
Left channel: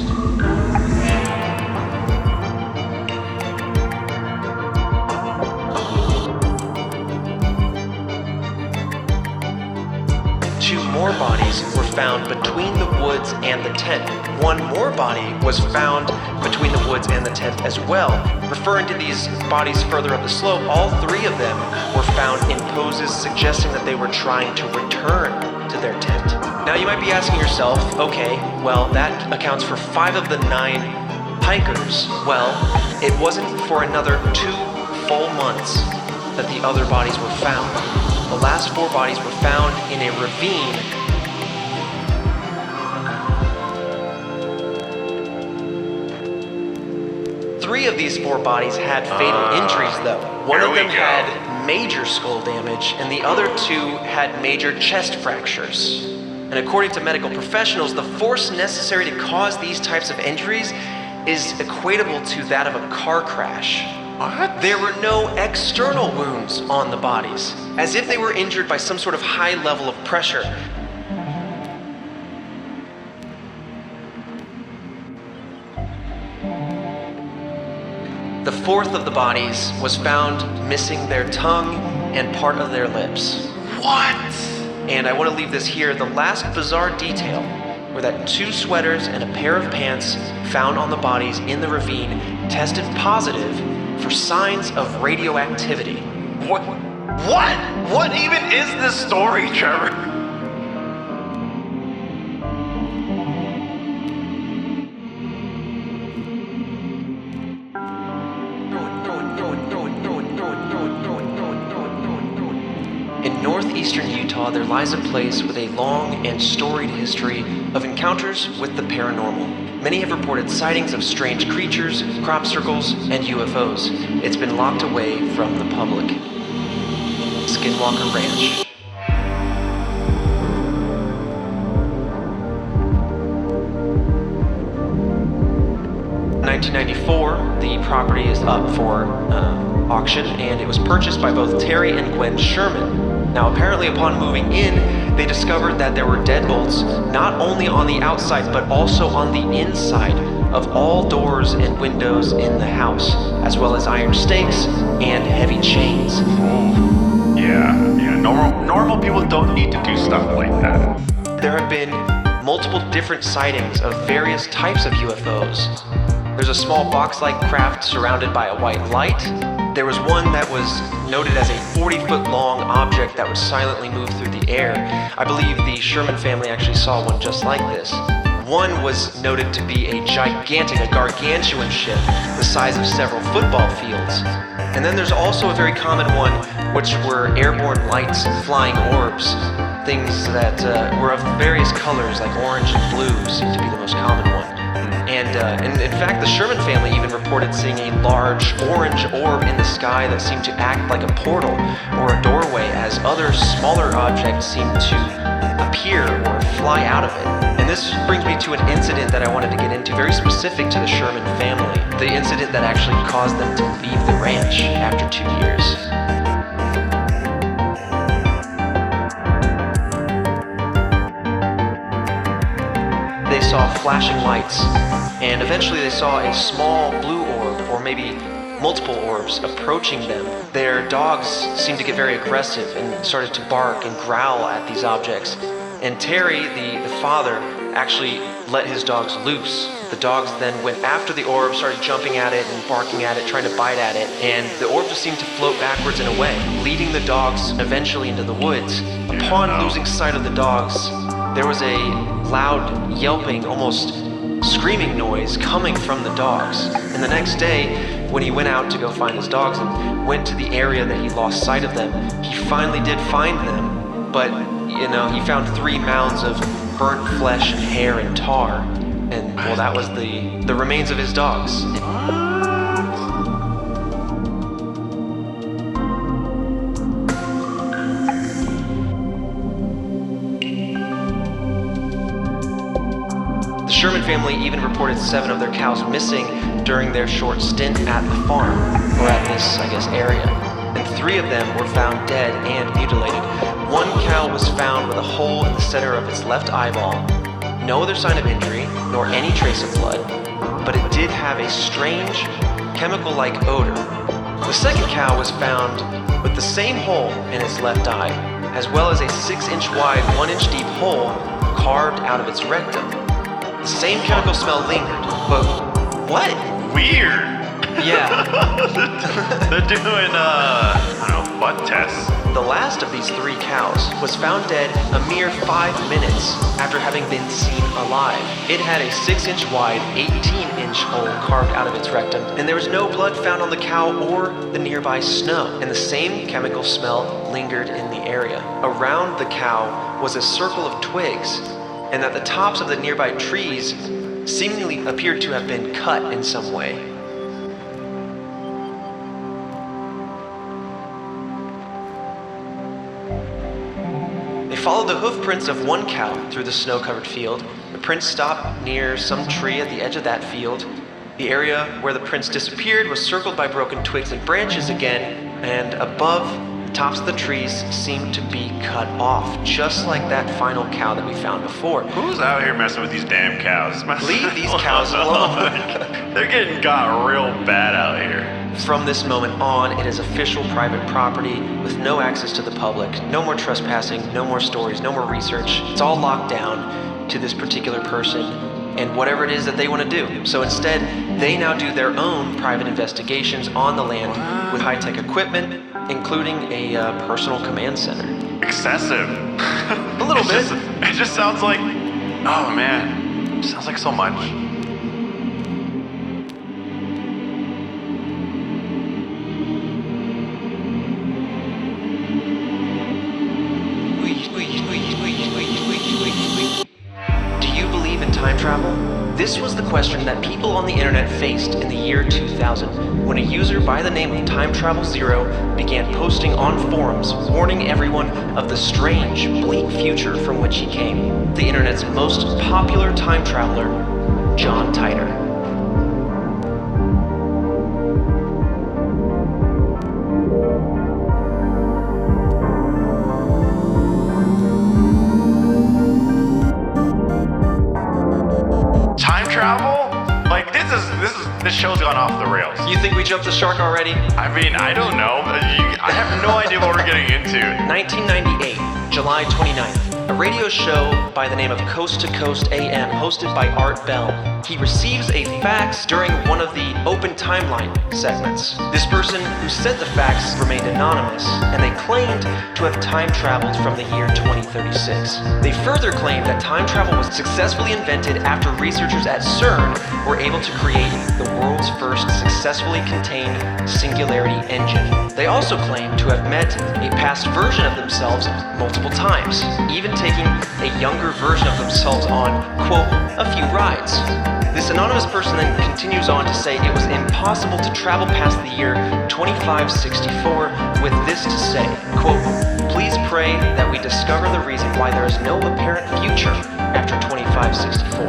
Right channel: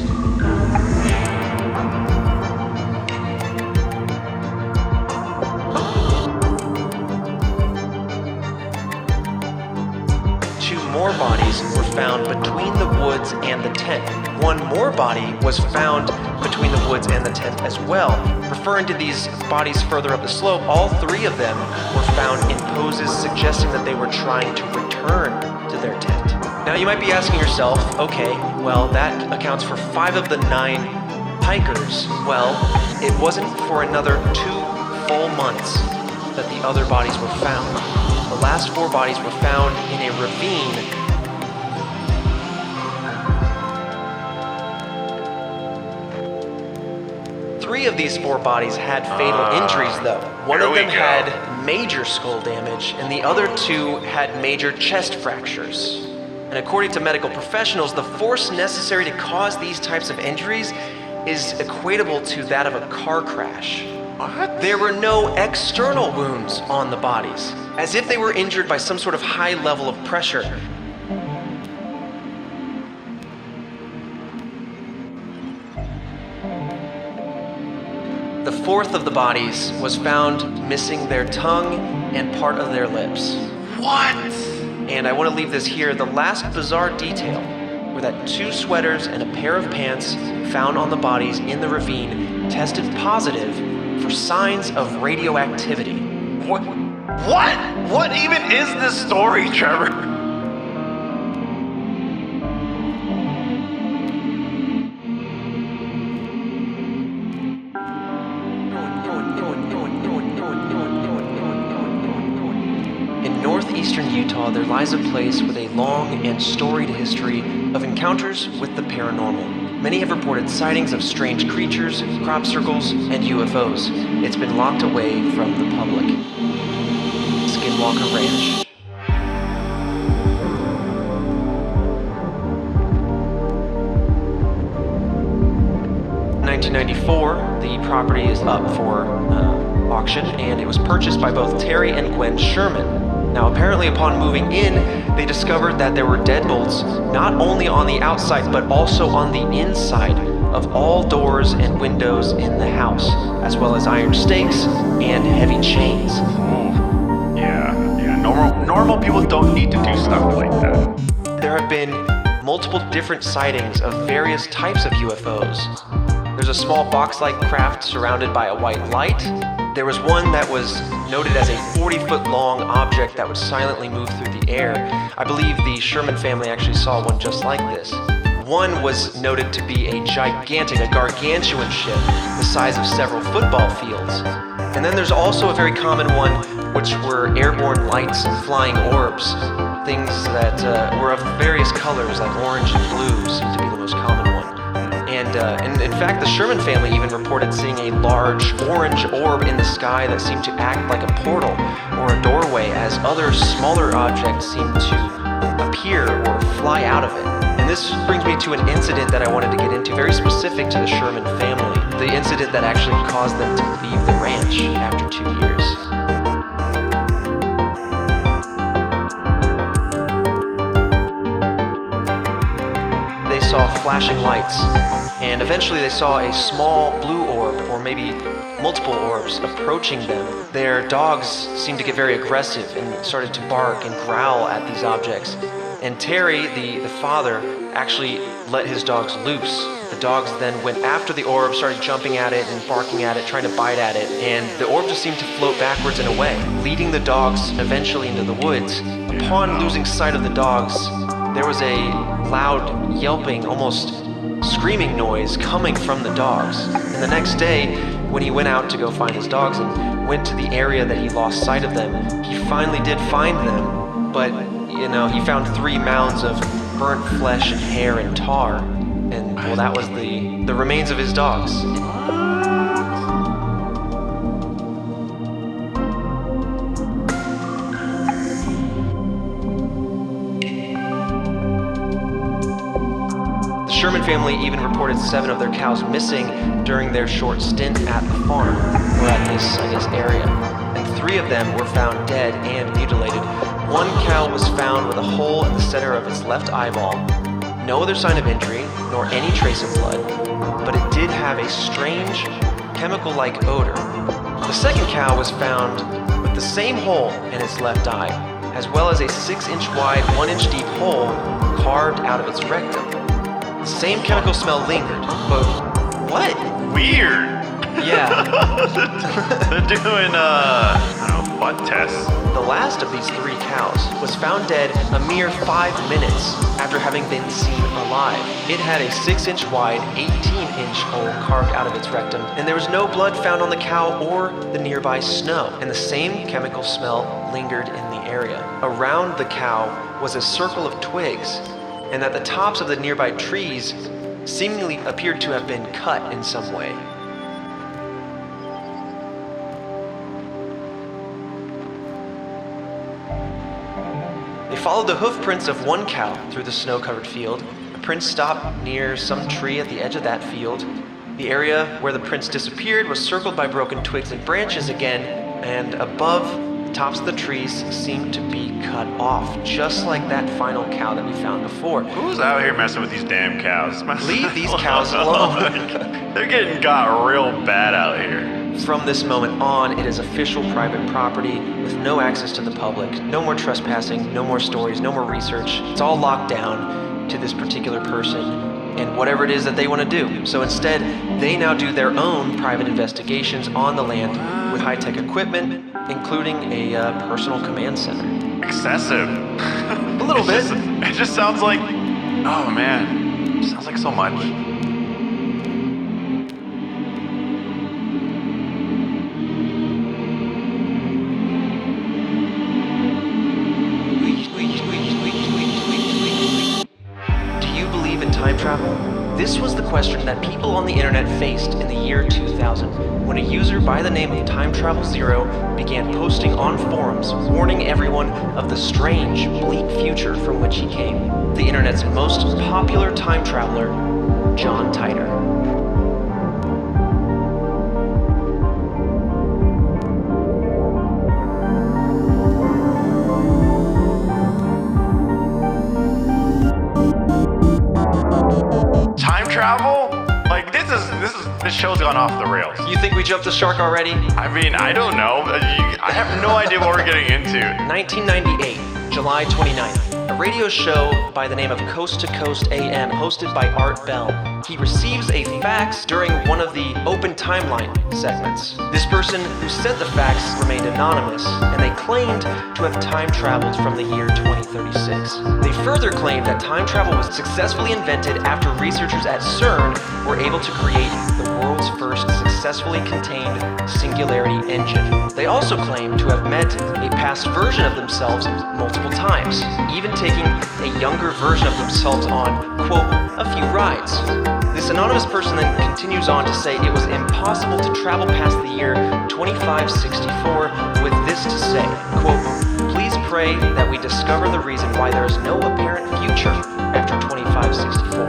Two more bodies were found between the woods and the tent. One more body was found between the woods and the tent as well. Referring to these bodies further up the slope, all 3 of them were found in poses suggesting that they were trying to return to their tent. Now you might be asking yourself, okay, well that accounts for 5 of the 9 hikers. Well, it wasn't for another 2 full months that the other bodies were found. The last 4 bodies were found in a ravine. Three of these 4 bodies had fatal injuries, though. One of them had major skull damage, and the other 2 had major chest fractures. And according to medical professionals, the force necessary to cause these types of injuries is equatable to that of a car crash. What? There were no external wounds on the bodies, as if they were injured by some sort of high level of pressure. The 4th of the bodies was found missing their tongue and part of their lips. What? And I want to leave this here. The last bizarre detail were that 2 sweaters and a pair of pants found on the bodies in the ravine tested positive for signs of radioactivity. What? What even is this story, Trevor? In northeastern Utah, there lies a place with a long and storied history of encounters with the paranormal. Many have reported sightings of strange creatures, crop circles, and UFOs. It's been locked away from the public. Skinwalker Ranch. In 1994, the property is up for auction, and it was purchased by both Terry and Gwen Sherman. Now, apparently upon moving in, they discovered that there were deadbolts not only on the outside, but also on the inside of all doors and windows in the house, as well as iron stakes and heavy chains. Yeah. Normal people don't need to do stuff like that. There have been multiple different sightings of various types of UFOs. There's a small box-like craft surrounded by a white light. There was one that was noted as a 40-foot-long object that would silently move through the air. I believe the Sherman family actually saw one just like this. One was noted to be a gargantuan ship the size of several football fields. And then there's also a very common one, which were airborne lights and flying orbs. Things that were of various colors, like orange and blue, seem to be the most common one. And in fact, the Sherman family even reported seeing a large orange orb in the sky that seemed to act like a portal or a doorway, as other smaller objects seemed to appear or fly out of it. And this brings me to an incident that I wanted to get into, very specific to the Sherman family. The incident that actually caused them to leave the ranch after 2 years. They saw flashing lights, and eventually they saw a small blue orb, or maybe multiple orbs, approaching them. Their dogs seemed to get very aggressive and started to bark and growl at these objects. And Terry, the father, actually let his dogs loose. The dogs then went after the orb, started jumping at it and barking at it, trying to bite at it, and the orb just seemed to float backwards and away, leading the dogs eventually into the woods. Upon losing sight of the dogs, there was a loud yelping, almost screaming noise coming from the dogs. And the next day, when he went out to go find his dogs and went to the area that he lost sight of them, he finally did find them, but he found 3 mounds of burnt flesh and hair and tar. And, well, that was the remains of his dogs. The Sherman family even reported 7 of their cows missing during their short stint at the farm, or at least, area. And 3 of them were found dead and mutilated. 1 cow was found with a hole in the center of its left eyeball. No other sign of injury, nor any trace of blood, but it did have a strange, chemical-like odor. The second cow was found with the same hole in its left eye, as well as a 6-inch wide, 1-inch deep hole carved out of its rectum. The same chemical smell lingered, but what? Weird. Yeah. They're doing, butt tests. The last of these 3 cows was found dead a mere 5 minutes after having been seen alive. It had a 6-inch wide, 18-inch hole carved out of its rectum, and there was no blood found on the cow or the nearby snow, and the same chemical smell lingered in the area. Around the cow was a circle of twigs, and at the tops of the nearby trees seemingly appeared to have been cut in some way. Followed the hoof prints of 1 cow through the snow-covered field. The prints stopped near some tree at the edge of that field. The area where the prints disappeared was circled by broken twigs and branches again, and above the tops of the trees seemed to be cut off, just like that final cow that we found before. Who's out here messing with these damn cows? Leave these cows alone. They're getting got real bad out here. From this moment on, it is official private property with no access to the public. No more trespassing, no more stories, no more research. It's all locked down to this particular person and whatever it is that they want to do. So instead, they now do their own private investigations on the land with high-tech equipment, including a personal command center. Excessive. A little bit. It just sounds like, oh man, it sounds like so much. This was the question that people on the internet faced in the year 2000, when a user by the name of Time Travel Zero began posting on forums warning everyone of the strange, bleak future from which he came. The internet's most popular time traveler, John Titor. This show's gone off the rails. You think we jumped the shark already? I mean, I don't know. I have no idea what we're getting into. 1998, July 29th. A radio show by the name of Coast to Coast AM, hosted by Art Bell. He receives a fax during one of the open timeline segments. This person who said the fax remained anonymous, and they claimed to have time traveled from the year 2036. They further claim that time travel was successfully invented after researchers at CERN were able to create the world's first successfully contained singularity engine. They also claim to have met a past version of themselves multiple times, even taking a younger version of themselves on, quote, a few rides. This anonymous person then continues on to say it was impossible to travel past the year 2564 with this to say, quote, please pray that we discover the reason why there is no apparent future after 2564.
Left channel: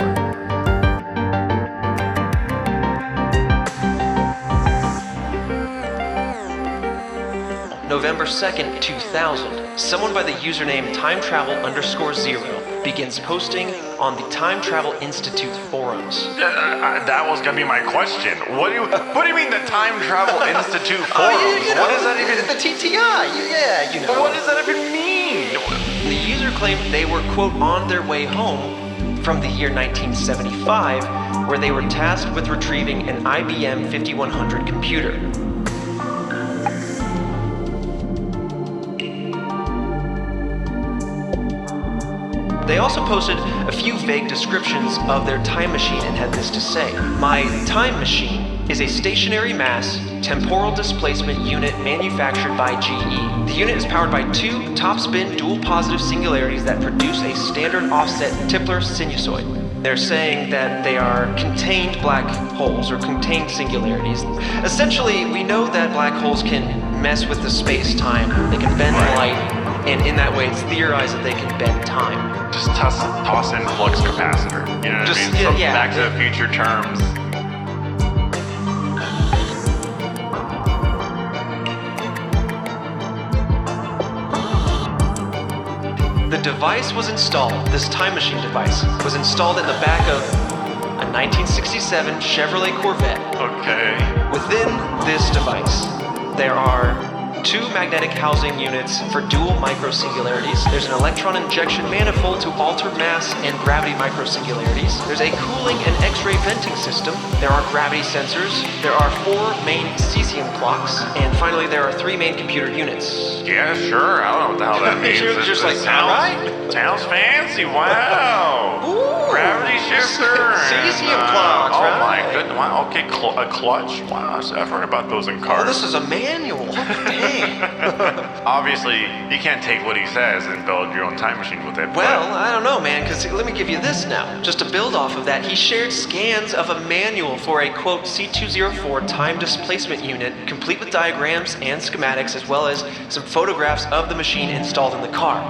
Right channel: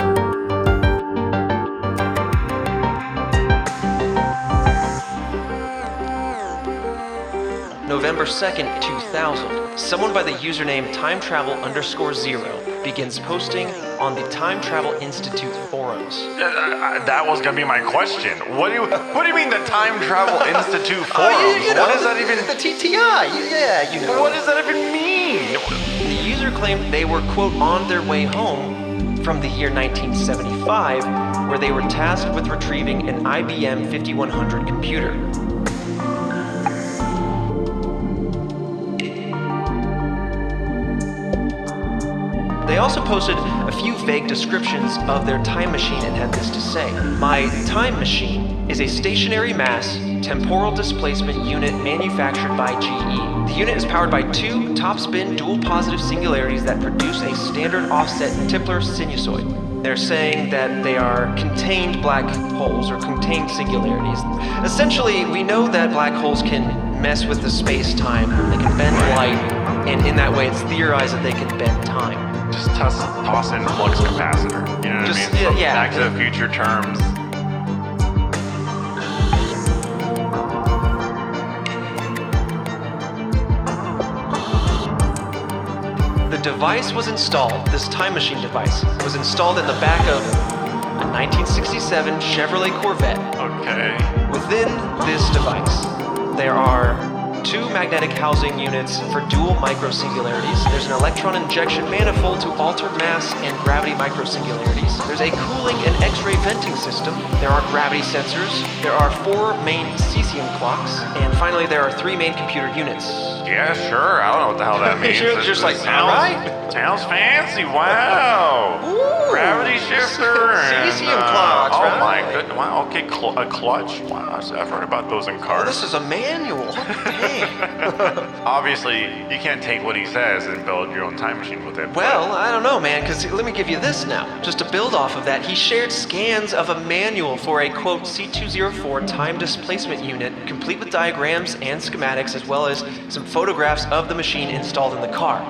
November 2nd, 2000, someone by the username timetravel_0 begins posting on the Time Travel Institute forums. That was gonna be my question. What do you mean the Time Travel Institute forums? What does that even? The TTI, yeah, you know. What does that even mean? The user claimed they were, quote, on their way home from the year 1975, where they were tasked with retrieving an IBM 5100 computer. They also posted a few vague descriptions of their time machine and had this to say. My time machine is a stationary mass, temporal displacement unit manufactured by GE. The unit is powered by two top-spin dual positive singularities that produce a standard offset Tipler sinusoid. They're saying that they are contained black holes or contained singularities. Essentially, we know that black holes can mess with the space-time. They can bend light, and in that way it's theorized that they can bend time. Just toss in flux capacitor. You know what I mean? Yeah. Back to the Future terms. The device was installed, this time machine device, was installed in the back of a 1967 Chevrolet Corvette. Okay. Within this device, there are two magnetic housing units for dual microsingularities. There's an electron injection manifold to alter mass and gravity microsingularities. There's a cooling and X-ray venting system. There are gravity sensors. There are 4 main cesium clocks. And finally, there are 3 main computer units. Yeah, sure. I don't know what the hell that means. Just like, sounds fancy. Wow. Ooh. Gravity shifter. Cesium clocks. Oh right? my goodness. Wow. Okay, a clutch. Wow. I've heard about those in cars. Oh, this is a manual. Obviously, you can't take what he says and build your own time machine with it. Well, I don't know, man, because let me give you this now. Just to build off of that, he shared scans of a manual for a, quote, C204 time displacement unit, complete with diagrams and schematics, as well as some photographs of the machine installed in the car.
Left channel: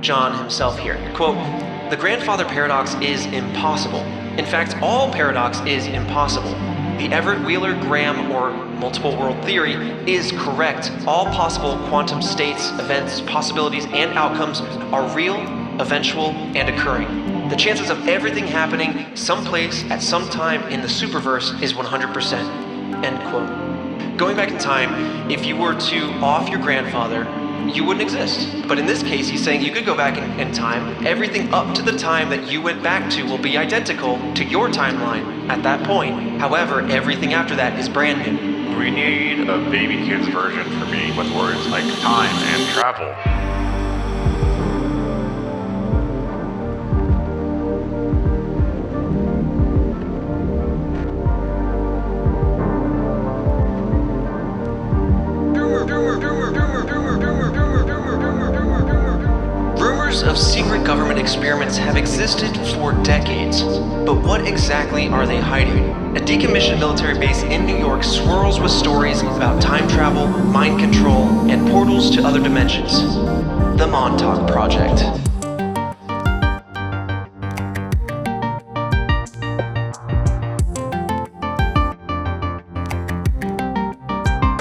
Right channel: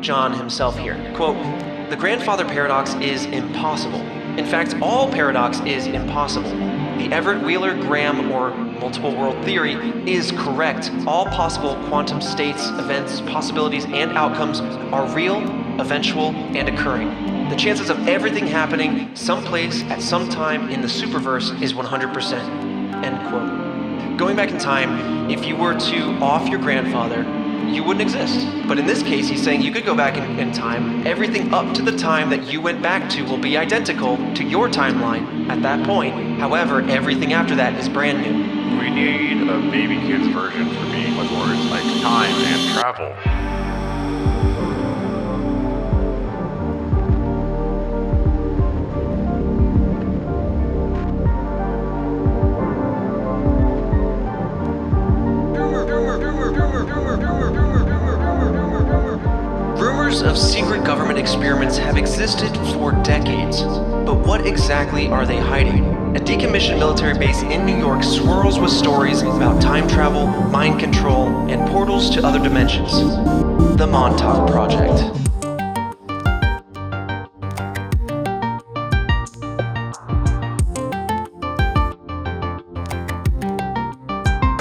John himself here, quote, the grandfather paradox is impossible. In fact, all paradox is impossible. The Everett-Wheeler-Graham or multiple world theory is correct. All possible quantum states, events, possibilities, and outcomes are real, eventual, and occurring. The chances of everything happening someplace at some time in the superverse is 100%. End quote. Going back in time, if you were to off your grandfather, you wouldn't exist. But in this case, he's saying you could go back in time. Everything up to the time that you went back to will be identical to your timeline at that point. However, everything after that is brand new. We need a baby kid's version for me with words like time and travel. Of secret government experiments have existed for decades, but what exactly are they hiding? A decommissioned military base in New York swirls with stories about time travel, mind control, and portals to other dimensions. The Montauk Project.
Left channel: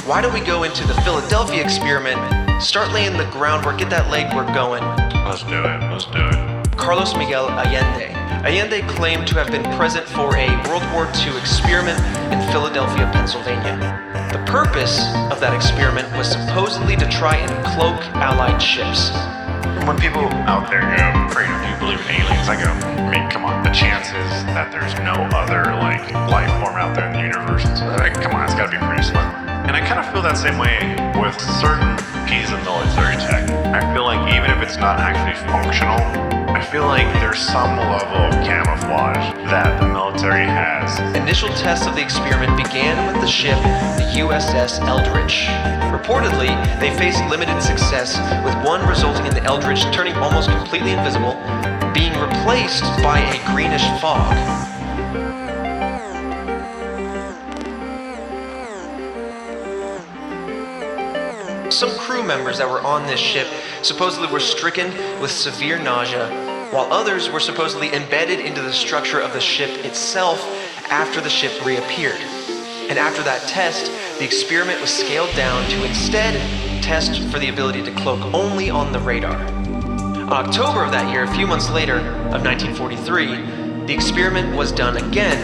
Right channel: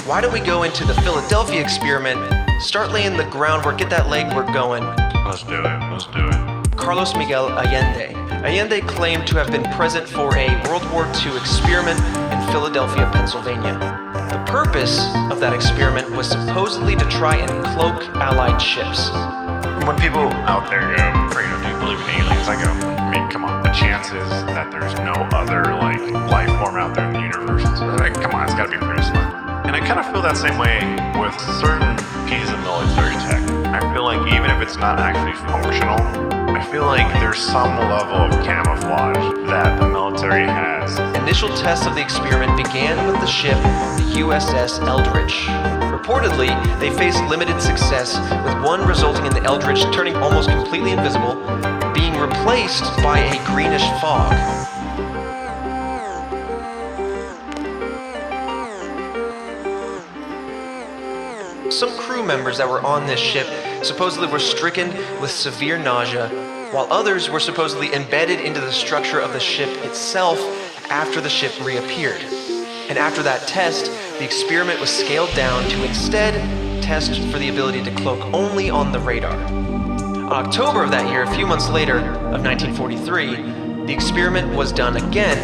Why don't we go into the Philadelphia experiment, start laying the groundwork, get that legwork going. Let's do it. Carlos Miguel Allende. Allende claimed to have been present for a World War II experiment in Philadelphia, Pennsylvania. The purpose of that experiment was supposedly to try and cloak Allied ships. When people out there afraid or do believe in aliens, I go, I mean, come on, the chances that there's no other, like, some level of camouflage that the military has. Initial tests of the experiment began with the ship, the USS Eldridge. Reportedly, they faced limited success, with one resulting in the Eldridge turning almost completely invisible, being replaced by a greenish fog. Some crew members that were on this ship supposedly were stricken with severe nausea, while others were supposedly embedded into the structure of the ship itself after the ship reappeared. And after that test, the experiment was scaled down to instead test for the ability to cloak only on the radar. In October of that year, a few months later, of 1943, the experiment was done again,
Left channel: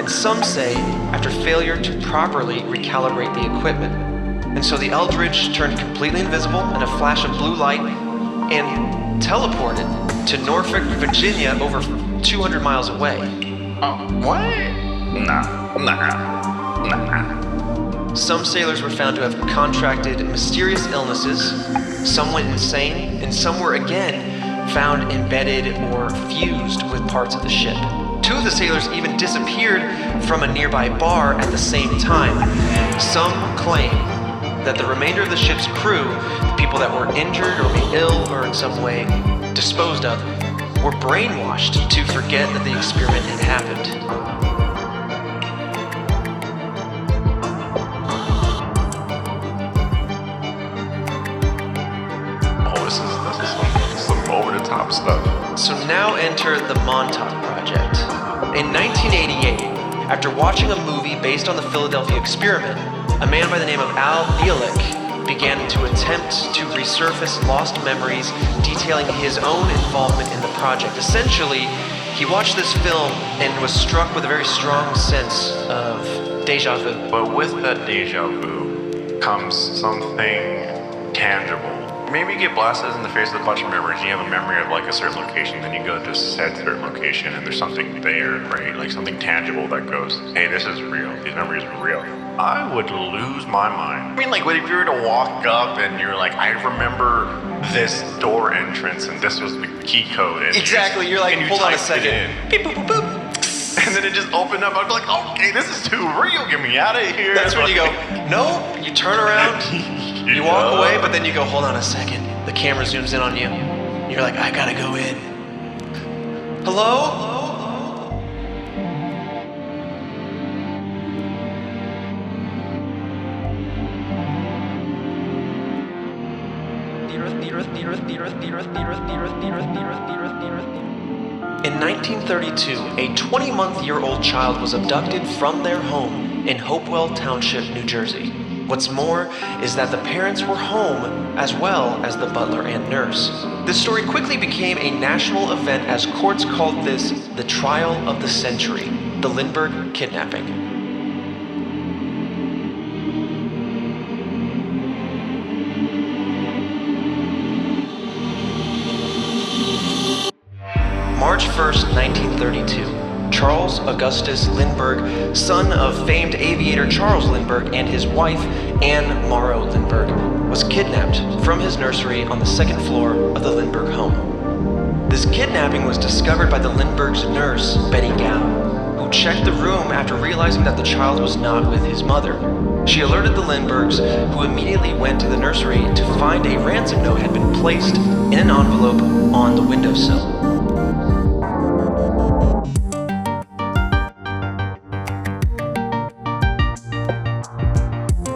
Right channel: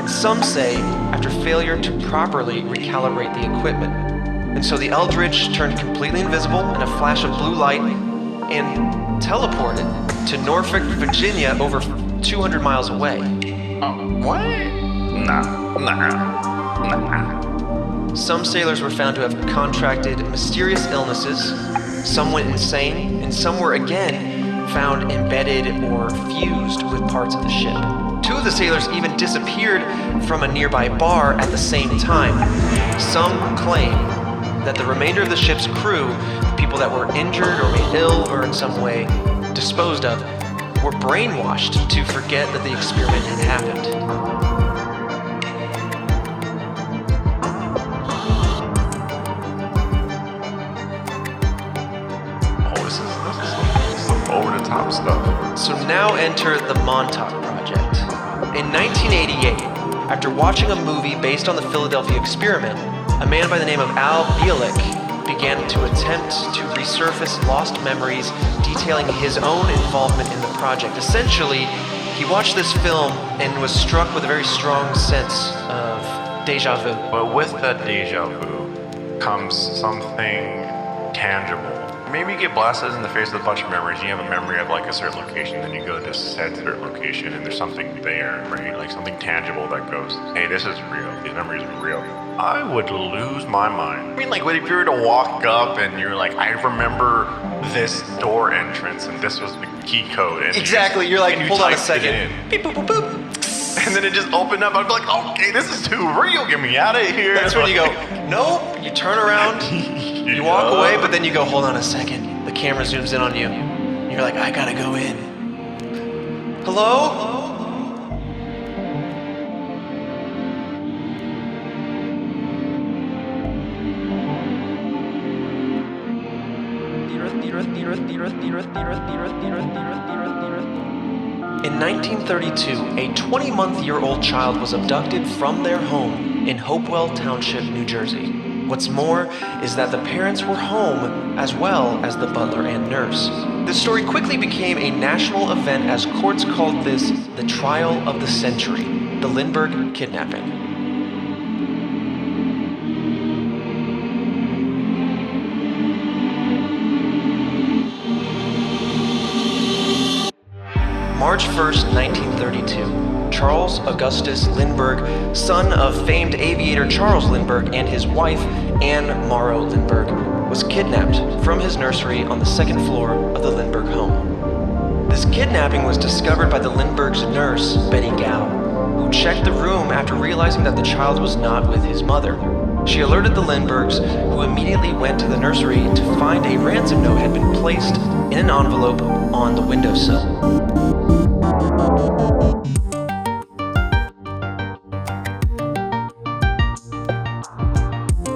and some say after failure to properly recalibrate the equipment. And so the Eldridge turned completely invisible in a flash of blue light and teleported to Norfolk, Virginia, over 200 miles away. What? Nah. Some sailors were found to have contracted mysterious illnesses, some went insane, and some were again found embedded or fused with parts of the ship. Two of the sailors even disappeared from a nearby bar at the same time. Some claim that the remainder of the ship's crew, the people that were injured or ill or in some way disposed of, were brainwashed to forget that the experiment had happened. This is some over-the-top stuff. So now enter the Montauk Project. In 1988, after watching a movie based on the Philadelphia experiment, a man by the name of Al Bielek began to attempt to resurface lost memories detailing his own involvement in the project. Essentially, he watched this film and was struck with a very strong sense of deja vu. But with that deja vu comes something tangible. Maybe you get blasted in the face with a bunch of memories. You have a memory of like a certain location, then you go to said certain location, and there's something there, right? Like something tangible that goes, hey, this is real. These memories are real. I would lose my mind. I mean, like, what if you were to walk up and you're like, I remember this door entrance, and this was the key code. And Exactly. You're like, hold on a second. Beep, boop, boop, boop. And then it just opened up. I'd be like, okay, this is too real. Get me out of here. That's when you go, no, you turn around, you walk away, but then you go, hold on a second. The camera zooms in on you. You're like, I gotta go in. Hello? In 1932, a 20-month-year-old child was abducted from their home in Hopewell Township, New Jersey. What's more is that the parents were home as well as the butler and nurse. This story quickly became a national event as courts called this the trial of the century, the Lindbergh kidnapping. March 1st, 1932, Charles Augustus Lindbergh, son of famed aviator Charles Lindbergh and his wife, Anne Morrow Lindbergh, was kidnapped from his nursery on the second floor of the Lindbergh home. This kidnapping was discovered by the Lindbergh's nurse, Betty Gow, who checked the room after realizing that the child was not with his mother. She alerted the Lindberghs, who immediately went to the nursery to find a ransom note had been placed in an envelope on the windowsill.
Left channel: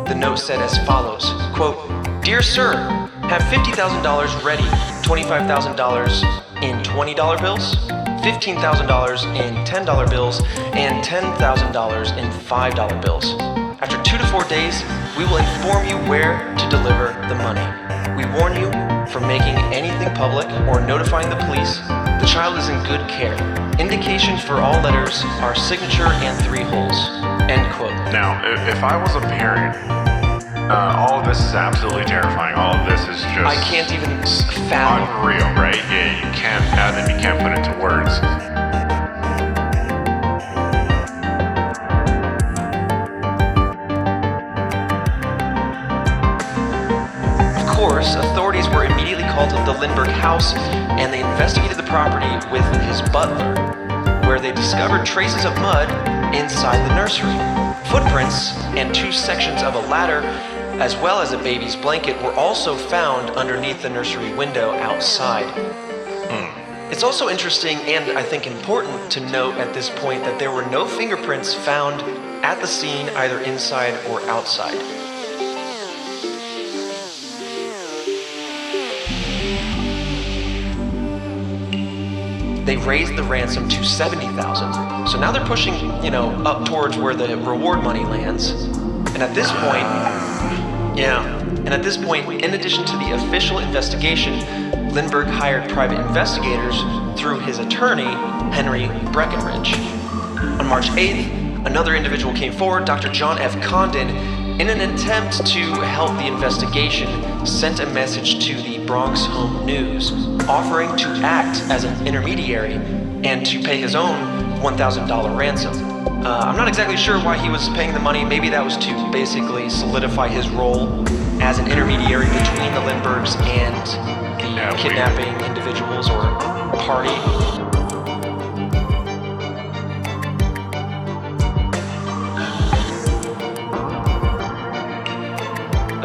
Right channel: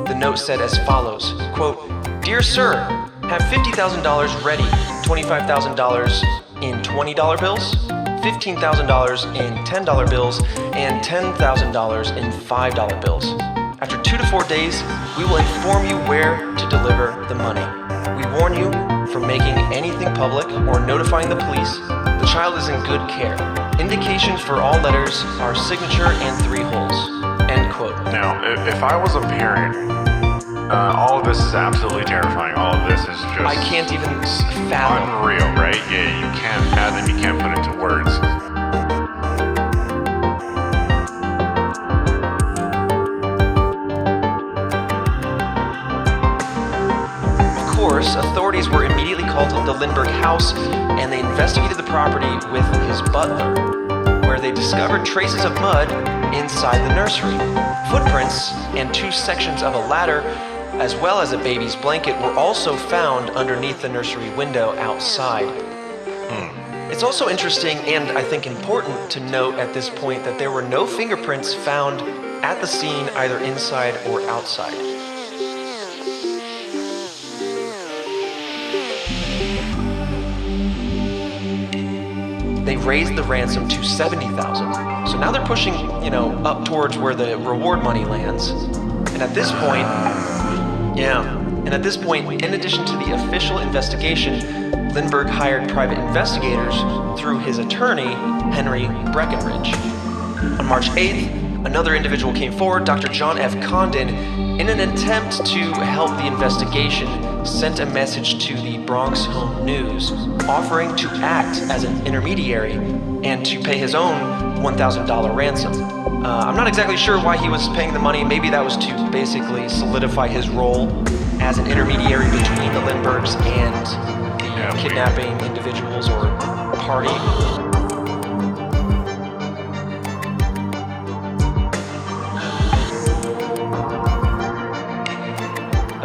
The note said as follows, quote, "Dear sir, have $50,000 ready, $25,000 in $20 bills, $15,000 in $10 bills, and $10,000 in $5 bills. After 2 to 4 days, we will inform you where to deliver the money. We warn you from making anything public or notifying the police. The child is in good care. Indications for all letters are signature and 3 holes." End quote. Now, if I was a parent, all of this is absolutely terrifying. All of this is just I can't even fathom. unreal, right? Yeah, you can't fathom, you can't put into words. Of course, authorities were immediately called to the Lindbergh house, and they investigated the property with his butler blood inside the nursery. Footprints and 2 sections of a ladder, as well as a baby's blanket, were also found underneath the nursery window outside. It's also interesting and I think important to note at this point that there were no fingerprints found at the scene either inside or outside. They raised the ransom to $70,000. So now they're pushing, up towards where the reward money lands. And at this point, in addition to the official investigation, Lindbergh hired private investigators through his attorney, Henry Breckenridge. On March 8th, another individual came forward, Dr. John F. Condon, in an attempt to help the investigation, sent a message to the Bronx Home News, offering to act as an intermediary and to pay his own $1,000 ransom. I'm not exactly sure why he was paying the money. Maybe that was to basically solidify his role as an intermediary between the Lindberghs and the kidnapping individuals or party.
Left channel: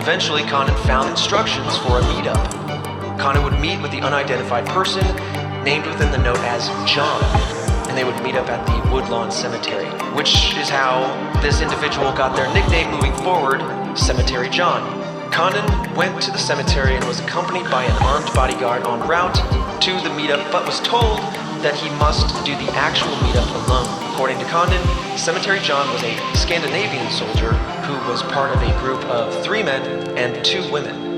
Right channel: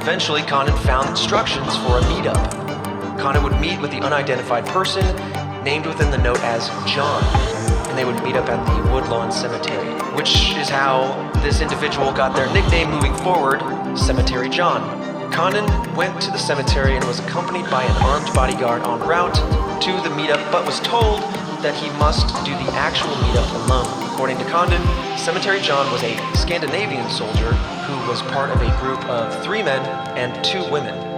Eventually, Condon found instructions for a meetup. Condon would meet with the unidentified person, named within the note as John, and they would meet up at the Woodlawn Cemetery, which is how this individual got their nickname moving forward, Cemetery John. Condon went to the cemetery and was accompanied by an armed bodyguard en route to the meetup, but was told that he must do the actual meetup alone. According to Condon, Cemetery John was a Scandinavian soldier who was part of a group of 3 men and 2 women.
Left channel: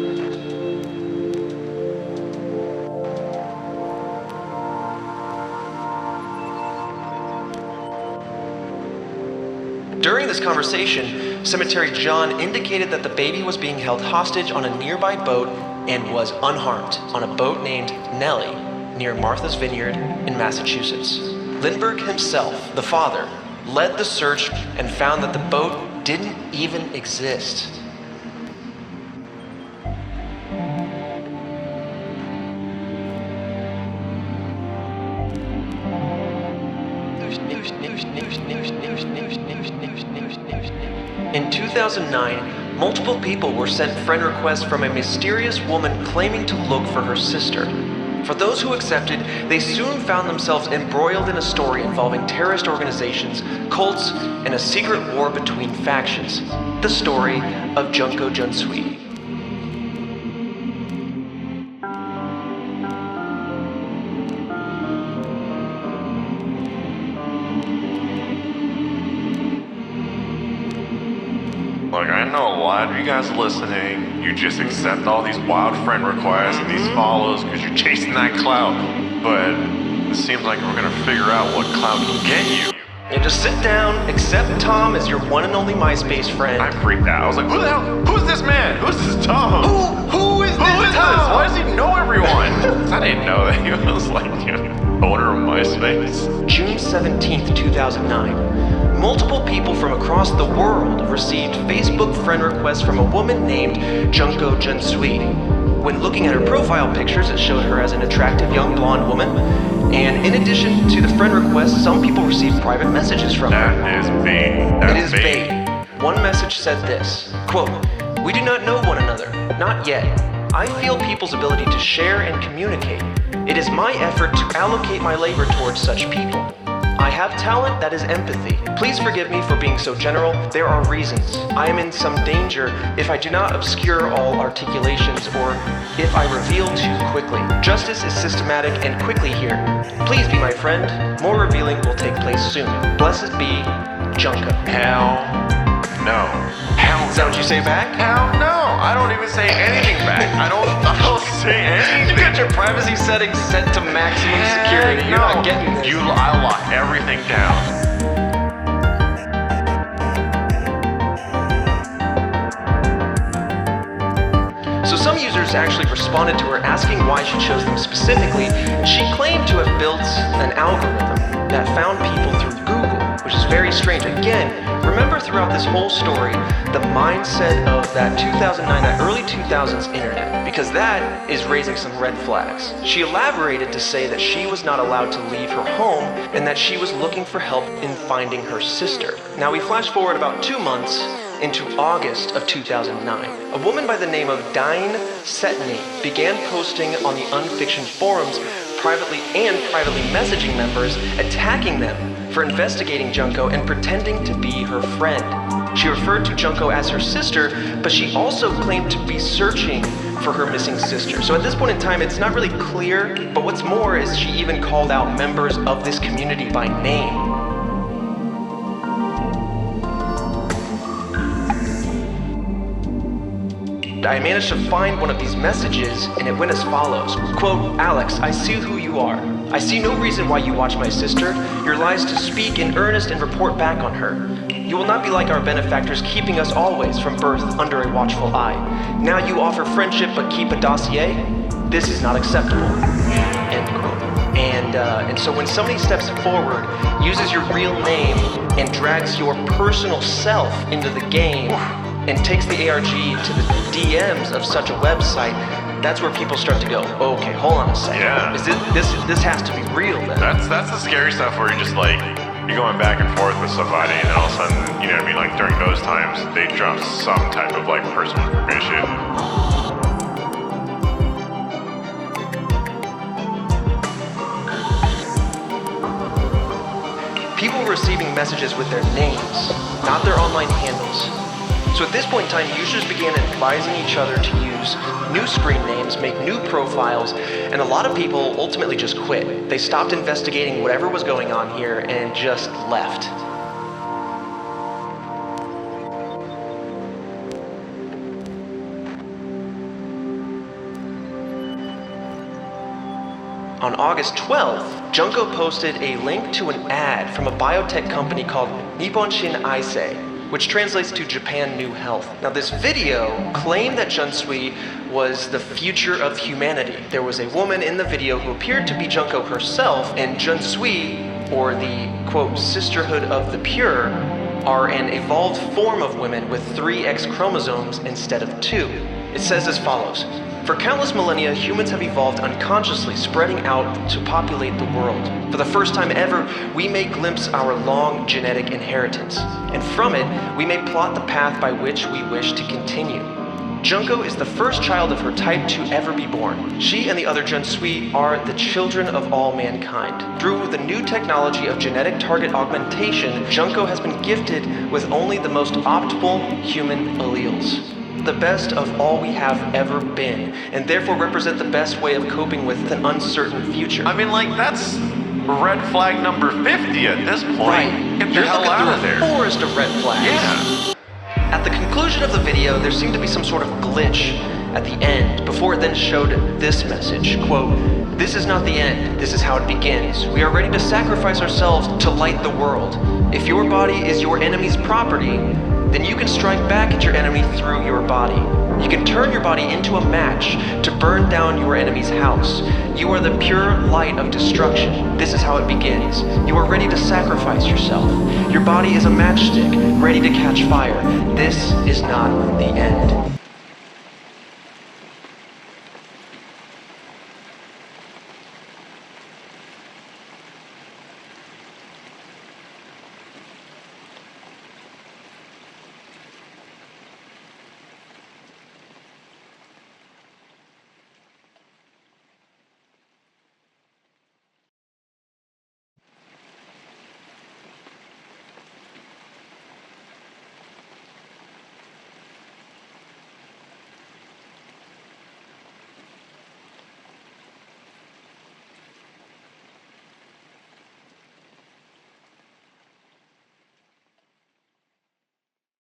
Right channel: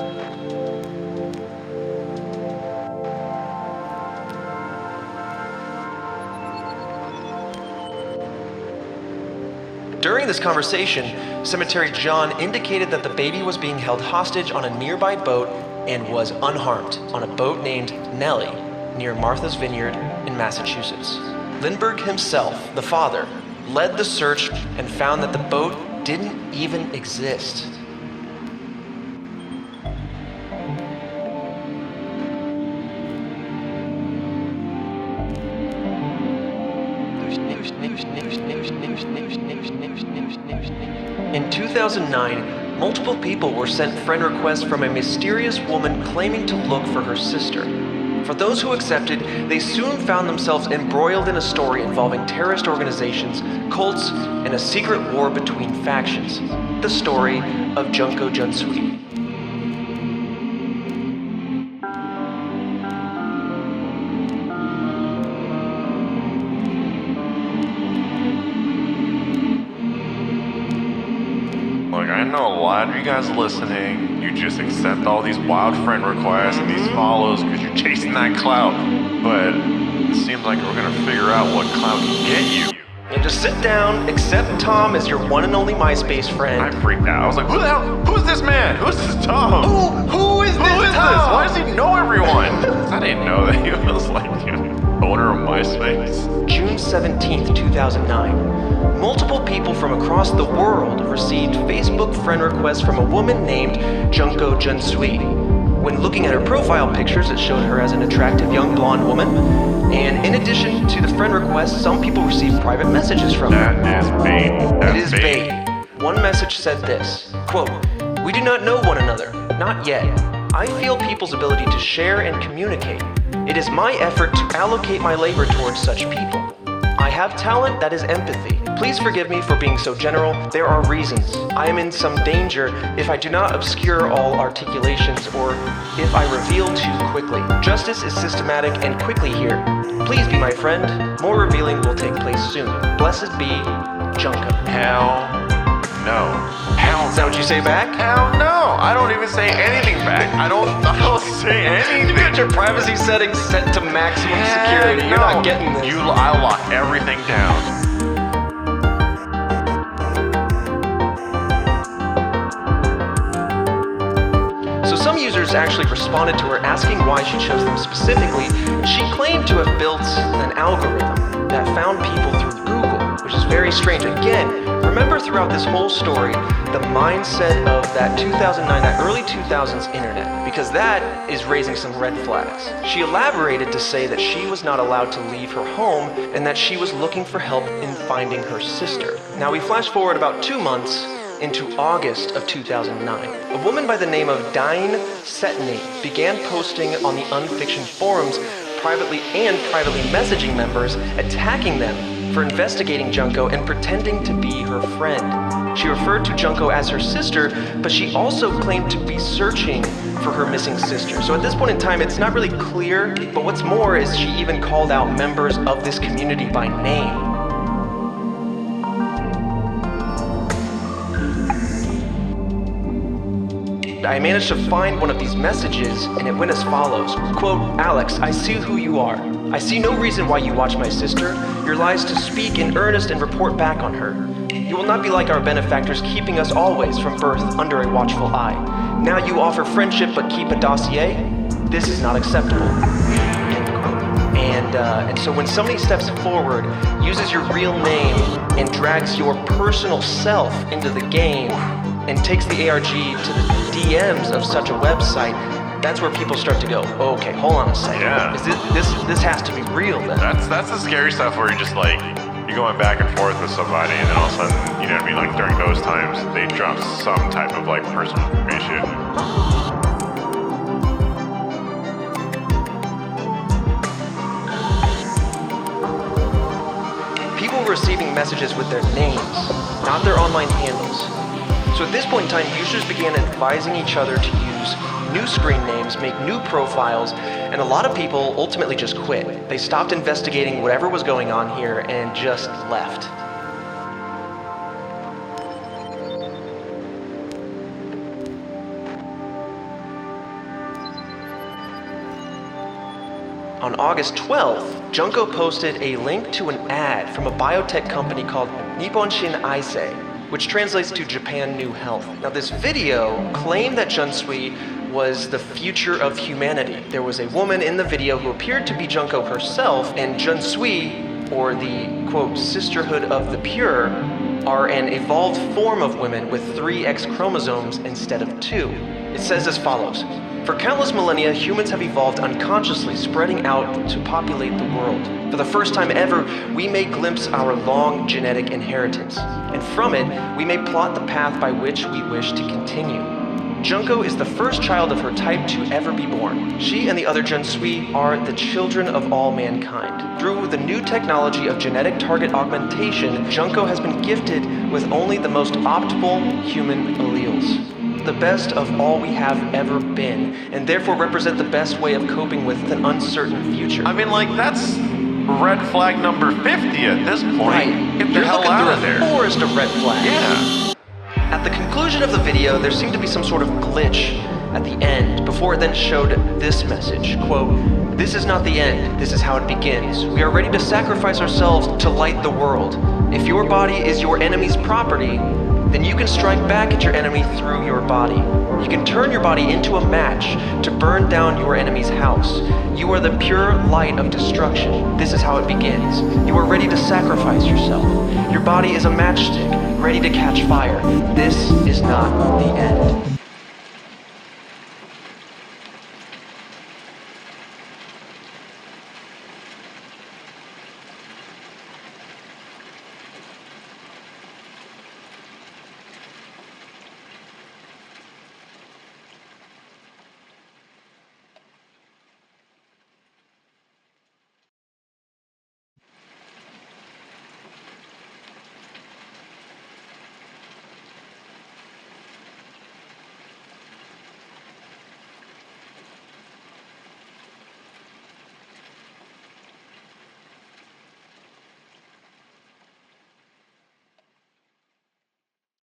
During this conversation, Cemetery John indicated that the baby was being held hostage on a nearby boat and was unharmed on a boat named Nellie near Martha's Vineyard in Massachusetts. Lindbergh himself, the father, led the search and found that the boat didn't even exist. In 2009, multiple people were sent friend requests from a mysterious woman claiming to look for her sister. For those who accepted, they soon found themselves embroiled in a story involving terrorist organizations, cults, and a secret war between factions. The story of Junko Junsui. Look, I know a lot of you guys listening, you just accept all these wild friend requests and these follows because you're chasing that clout. But it seems like we're gonna figure out what clout can get you. You just sit down, accept Tom as your one and only MySpace friend. I freaked out. I was like, who the hell? Who's this man? Who's this Tom? Who is this Tom? Why does he know everyone? I didn't know that he was like owner of MySpace. June 17th, 2009. Multiple people from across the world received Facebook friend requests from a woman named Junko Junsui. When looking at her profile pictures, it showed her as an attractive young blonde woman. And in addition to the friend requests, some people received private messages from her. That is bait. It is bait. One message said this, quote, "We do not know one another, not yet. I feel people's ability to share and communicate. It is my effort to allocate my labor towards such people. I have talent that is empathy. Please forgive me for being so general. There are reasons. I am in some danger if I do not obscure all articulations or if I reveal too quickly. Justice is systematic and quickly here. Please be my friend. More revealing will take place soon. Blessed be Junko." Hell no. Is that what you say back? Hell no. I don't even say anything back. I don't say anything. You got your privacy settings set to maximum security. You're not getting this. I lock everything down. So some users actually responded to her asking why she chose them specifically. She claimed to have built an algorithm that found people through Google, which is very strange. Again, remember throughout this whole story the mindset of that 2009, that early 2000s internet, because that is raising some red flags. She elaborated to say that she was not allowed to leave her home and that she was looking for help in finding her sister. Now we flash forward about 2 months into August of 2009. A woman by the name of Dine Setney began posting on the Unfiction forums privately messaging members, attacking them for investigating Junko and pretending to be her friend. She referred to Junko as her sister, but she also claimed to be searching for her missing sister. So at this point in time, it's not really clear, but what's more is she even called out members of this community by name. I managed to find one of these messages, and it went as follows. Quote, "Alex, I see who you are. I see no reason why you watch my sister. Your lies to speak in earnest and report back on her. You will not be like our benefactors, keeping us always from birth under a watchful eye. Now you offer friendship but keep a dossier? This is not acceptable." End quote. And so when somebody steps forward, uses your real name, and drags your personal self into the game, and takes the ARG to the DMs of such a website, that's where people start to go, okay, hold on a second. Yeah. This has to be real then. That's the scary stuff where you're just like, you're going back and forth with somebody and all of a sudden, you know what I mean, like during those times, they drop some type of like personal information. People were receiving messages with their names, not their online handles. So at this point in time, users began advising each other to use new screen names, make new profiles, and a lot of people ultimately just quit. They stopped investigating whatever was going on here and just left. On August 12th, Junko posted a link to an ad from a biotech company called Nipponshin Aisei, which translates to Japan New Health. Now this video claimed that Junsui was the future of humanity. There was a woman in the video who appeared to be Junko herself, and Junsui, or the, quote, sisterhood of the pure, are an evolved form of women with 3 X chromosomes instead of 2. It says as follows. For countless millennia, humans have evolved unconsciously, spreading out to populate the world. For the first time ever, we may glimpse our long genetic inheritance, and from it, we may plot the path by which we wish to continue. Junko is the first child of her type to ever be born. She and the other Junsui are the children of all mankind. Through the new technology of genetic target augmentation, Junko has been gifted with only the most optimal human alleles. The best of all we have ever been, and therefore represent the best way of coping with an uncertain future. I mean, like, that's red flag number 50 at this point. Right. Get the You're hell looking out of through there. a forest of red flags. Yeah. At the conclusion of the video, there seemed to be some sort of glitch at the end, before it then showed this message, quote, "This is not the end, this is how it begins. We are ready to sacrifice ourselves to light the world. If your body is your enemy's property, then you can strike back at your enemy through your body. You can turn your body into a match to burn down your enemy's house. You are the pure light of destruction. This is how it begins. You are ready to sacrifice yourself. Your body is a matchstick, ready to catch fire. This is not the end."